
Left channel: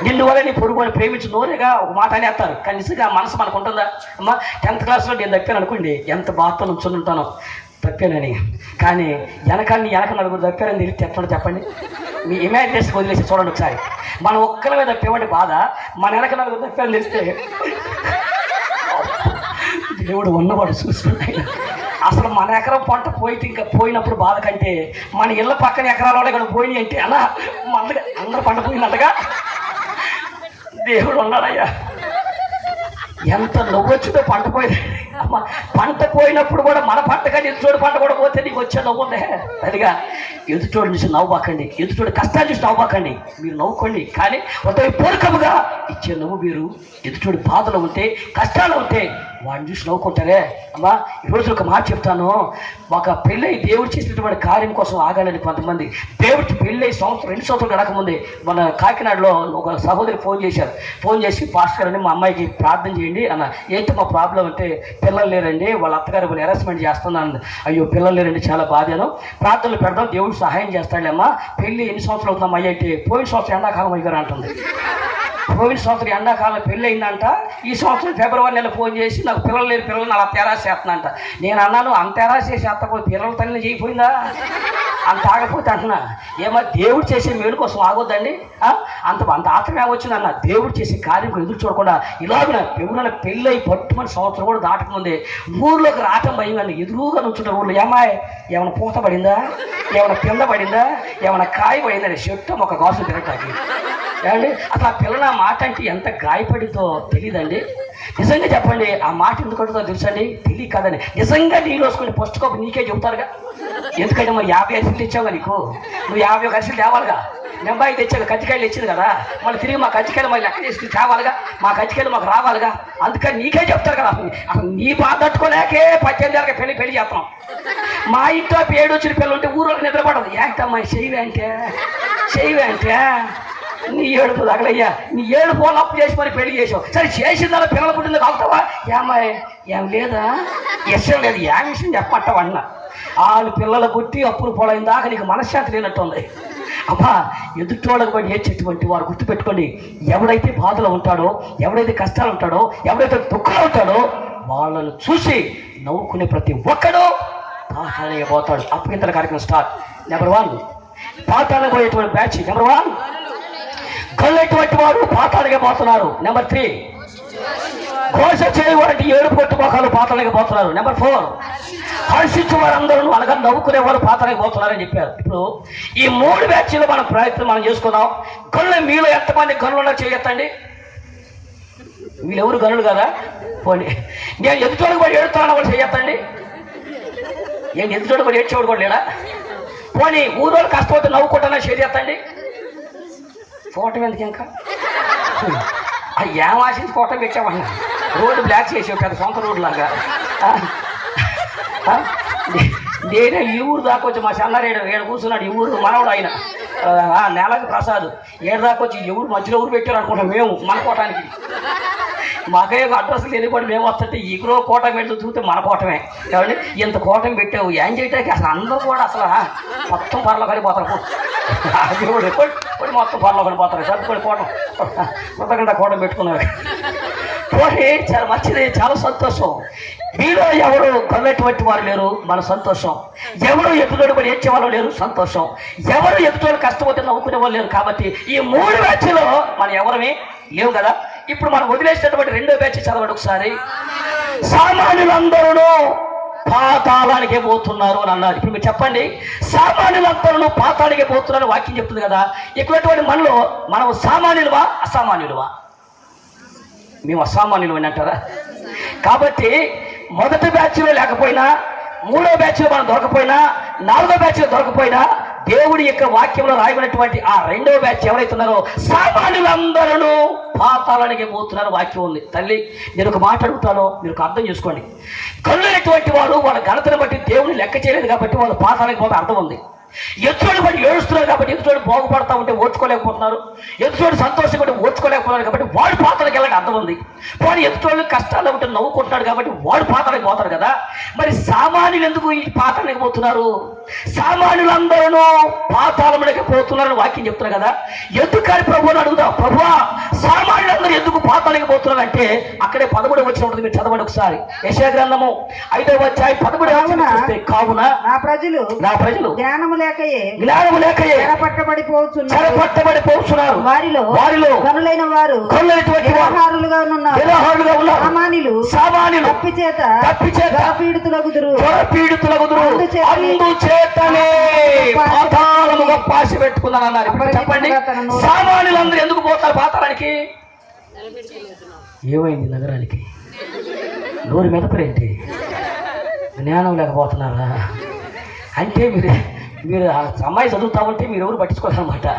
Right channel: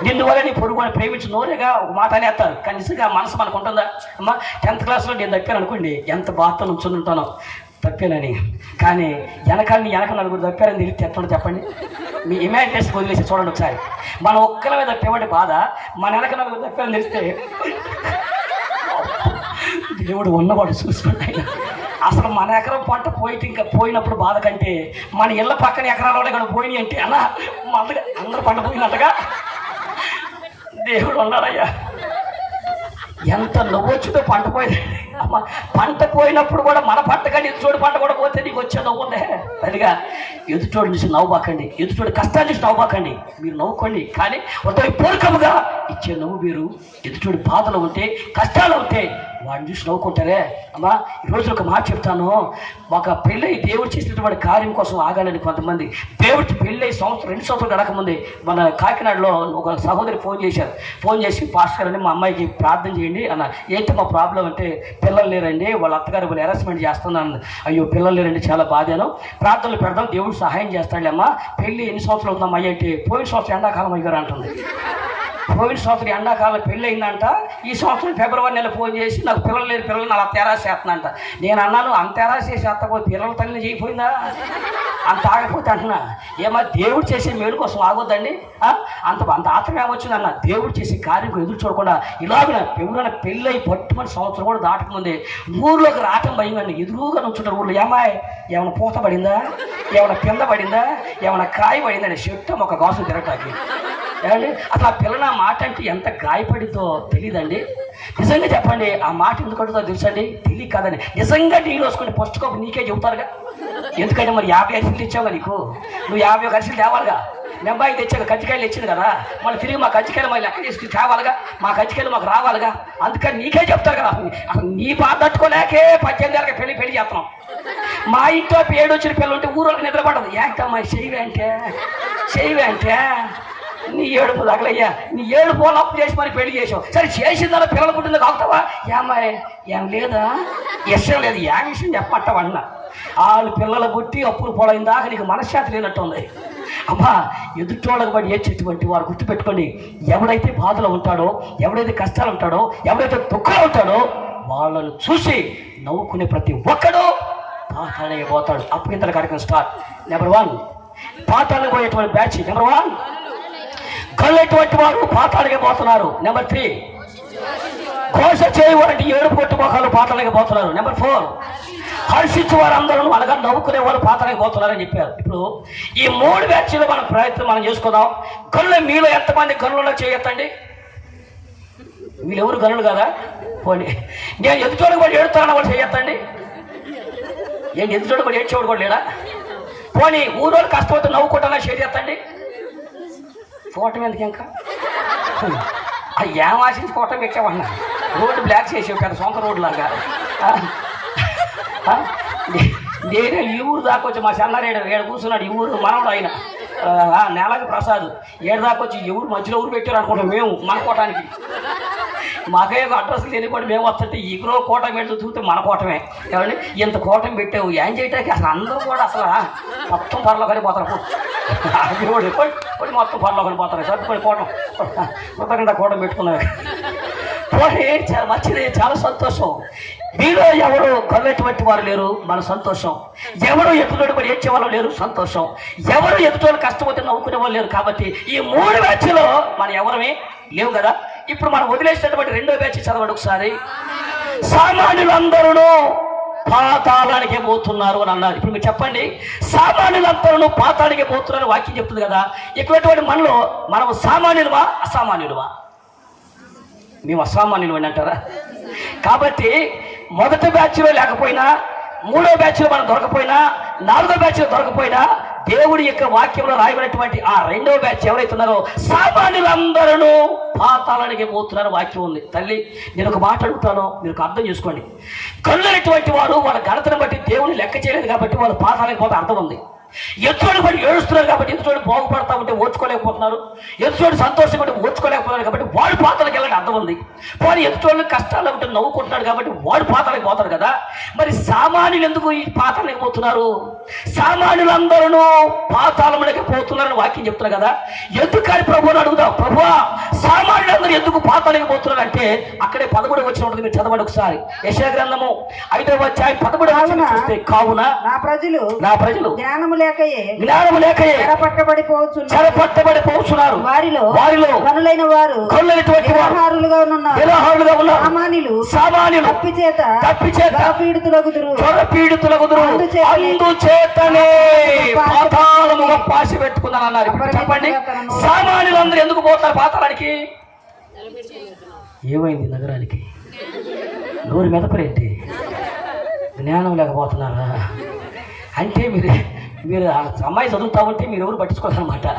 నిన్ను వల్ల నీ పొరుగు వాడిని ప్రేమించి నోరేగా ఒక మాట అనేస్తారు. కానీ నిజంగా మనసు మనకు ఉంటుందా? అమ్మా, 10th క్లాస్లో నేను తప్పాను అనుకోండి, ఎంత బాధతో నుంచొని ఉంటానో తప్పానని. కానీ వెనక నలుగురు తప్పారని తెలిసి చెప్పండి. మీ ఇమాజినేషన్ వదిలేసి చూడండి ఒకసారి. మనం ఒక్కరి మీద తప్పేవాడి బాధ, మన వెనక నలుగురు తప్పారని తెలిస్తే దేవుడు ఉన్నవాడు చూసుకుంటాయి. అసలు మన ఎకరం పంట పోయితే ఇంకా పోయినప్పుడు బాధ కంటే మన ఇళ్ళ పక్కన ఎకరాలు ఇక్కడ పోయినాయి అంటే అలా అందరూ పంట పోయినట్టుగా దేవుడు ఉన్నాడయ్యా. ఎంత నవ్వొచ్చుతో పంట పోయింది. అమ్మ, పంట పోయినప్పుడు కూడా మన పంట కానీ ఎదుటోడి పంట కూడా పోతే నీకు వచ్చే నవ్వు ఉందే. సరిగా ఎదుటోడి నుంచి నవ్వుబాకండి, ఎదుటోడి కష్టాలు చూసి నవ్వుబాకండి. మీరు నవ్వుకోండి, కానీ ఒకరి పూర్వకముగా ఇచ్చే నవ్వు మీరు. ఎదుటోడి బాధలు ఉంటే, కష్టాలు ఉంటే వాడిని చూసి నవ్వుకుంటారే. అమ్మా, ఈరోజు ఒక మాట చెప్తాను. మాకు పెళ్ళై దేవుడు చేసినటువంటి కార్యం కోసం ఆగాలని కొంతమంది. దేవుడికి పెళ్ళై 2 సంవత్సరాలు గడకముందే మన కాకినాడలో ఒక సహోదరి ఫోన్ చేసి పాస్టర్ గారని మా అమ్మాయికి ప్రార్థన చేయండి అన్న. ఏంటి మా ప్రాబ్లం అంటే, పిల్లలు లేరండి, వాళ్ళ అత్తగారు వాళ్ళు హెరాస్మెంట్ చేస్తున్నాను. అయ్యో, పిల్లలు లేరండి, చాలా బాధేను, ప్రార్థనలు పెడదాం, దేవుడు సహాయం చేస్తాడమ్మా. పెళ్ళి ఎన్ని సంవత్సరాలు అవుతుందమ్మా అంటే, పోయిన సంవత్సరం ఎండాకాలం అయ్యారు అంటుంది. పోయిన సంవత్సరం ఎండాకాలం పెళ్ళి అయిందంట. ఈ సంవత్సరం ఫిబ్రవరి నెల ఫోన్ చేసి నాకు పిల్లలు లేరు, పిల్లలు నాకు తెరాసి చేస్తుందంట. నేను అన్నాను, అంత తెరాసి చేసి అత్తపోతే పిల్లల తల్లి చేయకపోయిందా అంత ఆగపోతే అంటున్నా. ఏమో దేవుడు చేసే మేలు కోసం ఆగొద్దండి. అంత ఆత్రమే వచ్చిందన్న. దేవుడు చేసే కార్యం ఎదురు చూడకుండా ఇలాగ ఎవరైనా పెళ్ళై పట్టుమని సంవత్సరం కూడా దాటకముందే ఊర్లోకి రావటం భయం కానీ ఎదురుగా నుంచుంటారు ఊళ్ళో. ఏమైనా పూత పడిందా, ఏమైనా కింద పడిందా, ఏమైనా కాయ పడిందని చెట్టు ఒక గాసు తిరగటానికి. ఏమండి, అసలు ఆ పిల్లల మాట అంటే ఎంత గాయపడితో తెలియదండి. నిజంగా చెప్పండి, ఆ మాట ఎందుకు అడుగుతుందో తెలుసండి? తెలియ కాదని. నిజంగా నీళ్ళు వేసుకుని ఫస్ట్ కాపు నీకే చెబుతారుగా. ఎందుకంటే మరి 50 అరిసెలు తెచ్చావుగా, నీకు నువ్వు 50 అరిసెలు తేవాలిగా. నెంబాయి తెచ్చాక కజ్జికాయలు తెచ్చింది కదా, మళ్ళీ తిరిగి మా కజ్జికాయలు మళ్ళీ లెక్క చేసుకుని తేవాలిగా, మా కజ్జికాయలు మాకు రావాలిగా. అందుకని నీకే చెప్తారు కదా. అసలు నీ బాధ తట్టుకోలేకే 18 ఏళ్ళకి పెళ్లి చేస్తున్నాం. మా ఇంట్లో 7 వచ్చిన పిల్లలు ఉంటే ఊరోకి నిద్రపడదు. ఏంటమ్మా చేయవే నీ ఏడుపు తగలయ్యా, నీ ఏడుపు అప్పు చేసి మరి పెళ్లి చేసావు. సరే చేసిందా పిల్లలు పుట్టింది కావుతావా? ఏం లేదా ఇష్టం లేదు, ఏ విషయం చెప్పమంటావా అన్న. వాళ్ళు పిల్లలు పుట్టి అప్పులు పోలైన దాకా నీకు మనశ్శాంతి లేనట్టుంది. అమ్మా, ఎదుటోళ్ళకి బట్టి ఏడ్చేటువంటి వారు గుర్తుపెట్టుకోండి. ఎవడైతే బాధలో ఉంటాడో, ఎవడైతే కష్టాలు ఉంటాడో, ఎవడైతే దుఃఖాలు ఉంటాడో వాళ్ళను చూసి నవ్వుకునే ప్రతి ఒక్కడు పాతాళానికి పోతాడు. అప్పగింతల కార్యక్రమం స్టార్ట్. నెంబర్ 1 పాతాళానికి పోయేటువంటి బ్యాచ్. నెంబర్ 1 కళ్ళటువంటి వారు పాతాళానికి పోతున్నారు. నెంబర్ 3 ఘోష చేయవారంటే 7 పొట్టు మొఖాలు పాతాళానికి పోతున్నారు. నెంబర్ 4 హర్షించే వారందరూ అనగా నవ్వుకునే వాళ్ళు పాతాళానికి పోతున్నారని చెప్పారు. ఇప్పుడు ఈ 3 బ్యాచ్లు మన ప్రయత్నం మనం చేసుకుందాం. గనులు మీలో ఎంతమంది గనులలో చేయొద్దండి? వీళ్ళెవరు గనులు కదా? పోనీ నేను ఎదుటోడు కూడా ఏడుతాను వాళ్ళు చేయొద్దండి. నేను ఎదుటోడు కూడా ఏడ్చేవాడు కూడా లేడా? పోనీ ఊరోళ్ళు కష్టపడితే నవ్వుకుంటానో చేయండి. ఫోటో ఎందుకు ఇంకా ఏం ఆశించి ఫోటో పెట్టామన్నా? రోడ్డు బ్లాక్ చేసావు పెద్ద సొంత రోడ్డు లాగా. నేనే ఈ ఊరు దాకా వచ్చి మా చల్లారేడు ఏడు కూర్చున్నాడు. ఈ ఊరు మనవడు ఆయన నెలకు ప్రసాద్ ఏడు దాకా వచ్చి ఎవరు మధ్యలో ఊరు పెట్టారు అనుకుంటాం మేము మన కోటానికి. మాకే అడ్రస్ లేనిపడి మేము వస్తుంటే ఈగురో కోట పెట్టి చూస్తే మన కోటమే. కాబట్టి ఇంత కోటం పెట్టావు ఏం చేయటానికి? అసలు అందరూ కూడా అసలు మొత్తం పరలో కలిపోతారు. మొత్తం పరలో కలిపోతారు. సర్దుకొని కోటం కృతజ్ఞత కోటం పెట్టుకున్నారు. పోనీ చాలా మంచిది, చాలా సంతోషం. మీలో ఎవరు కొన్నటువంటి వారు లేరు, మన సంతోషం. ఎవరు ఎదుటోడు పడి ఏడ్చే వాళ్ళు లేరు, సంతోషం. ఎవరు ఎదుటోడు కష్టపోతే నవ్వుకునే వాళ్ళు లేరు. కాబట్టి ఈ 3 బ్యాచ్లో మనం ఎవరమే లేవు కదా. ఇప్పుడు మనం వదిలేసినటువంటి 2వ బ్యాచ్ చదవండి ఒకసారి. సామాన్యులందరూ పాతాళానికే పోతున్నారు అని అన్నారు. ఇప్పుడు మీరు చెప్పండి, సామాన్యులందరూ పాతాళానికే పోతున్నారు వాక్యం చెప్తుంది కదా. ఇటువంటి మనలో మనం సామాన్యులమా అసామాన్యులమా? మేము అసామాన్యులు అని అంటారా? కాబట్టి మొదటి బ్యాచ్లో లేకపోయినా, 3వ బ్యాచ్లో మనం దొరకపోయినా, 4వ బ్యాచ్లో దొరకపోయినా దేవుడి యొక్క వాక్యంలో రాయబడినటువంటి ఆ 2వ బ్యాచ్ ఎవరైతున్నారో సామాన్యులందరూ పాతాళానికి పోతున్నారు వాక్యం ఉంది. తల్లి, నేను ఒక మాట అడుగుతాను, మీరు అర్థం చేసుకోండి. కళ్ళైనటువంటి వారు వాళ్ళ ఘనతను బట్టి దేవుని లెక్క చేయలేదు కాబట్టి వాళ్ళు పాతాళానికి పోతే అర్థం ఉంది. ఎదుటోడు బట్టి ఏడుస్తున్నారు కాబట్టి ఎదుటోడు బాగుపడతా ఉంటే ఓర్చుకోలేకపోతున్నారు, ఎదుటోడు సంతోషం ఉంటే ఓర్చుకోలేకపోతున్నారు కాబట్టి వాడు పాతాళానికి వెళ్ళడానికి అర్థం ఉంది. వాడు ఎదుటోళ్ళు కష్టాలు ఉంటే నవ్వుకుంటున్నాడు కాబట్టి వాడు పాతాళానికి పోతాడు కదా. మరి సామాన్యులు ఎందుకు ఈ పాతాళానికి పోతున్నారు? సామాన్యులందరూ పాతాళంలోకి పోతున్నారని వాక్యం చెప్తున్నారు కదా. ఎందుకని ప్రభువుని అడుగుదాం. ప్రభువా, సామాన్యులందరూ ఎందుకు పాతాళానికి పోతున్నారు అంటే అక్కడే 11 వచ్చిన ఉంటుంది. మీరు చదవండి ఒకసారి. యెషయా గ్రంథము 5వ అధ్యాయం 11. కావున నా ప్రజలు జ్ఞానము లేకయే చెరపట్టబడిపోతున్నారు. వారిలో కనులైన వారు నిరాహారులుగా ఉన్నారు. సామాన్యులు తప్పిచేత పీడితులగుదురు. అందుచేతనే పాతాళము గొప్ప ఆశ పెట్టుకున్నాను అన్నారు. ఇప్పుడు చెప్పండి, సామాన్యులందరూ ఎందుకు పోతారు పాతాళానికి? ఏమైంది నగరానికి? నోరు మెదపరేంటి? జ్ఞానం లేకపోతున్నారా అంటే మీరు అమ్మాయి చదువుతామంటే మీరు ఎవరు పట్టించుకోవాలన్నమాట.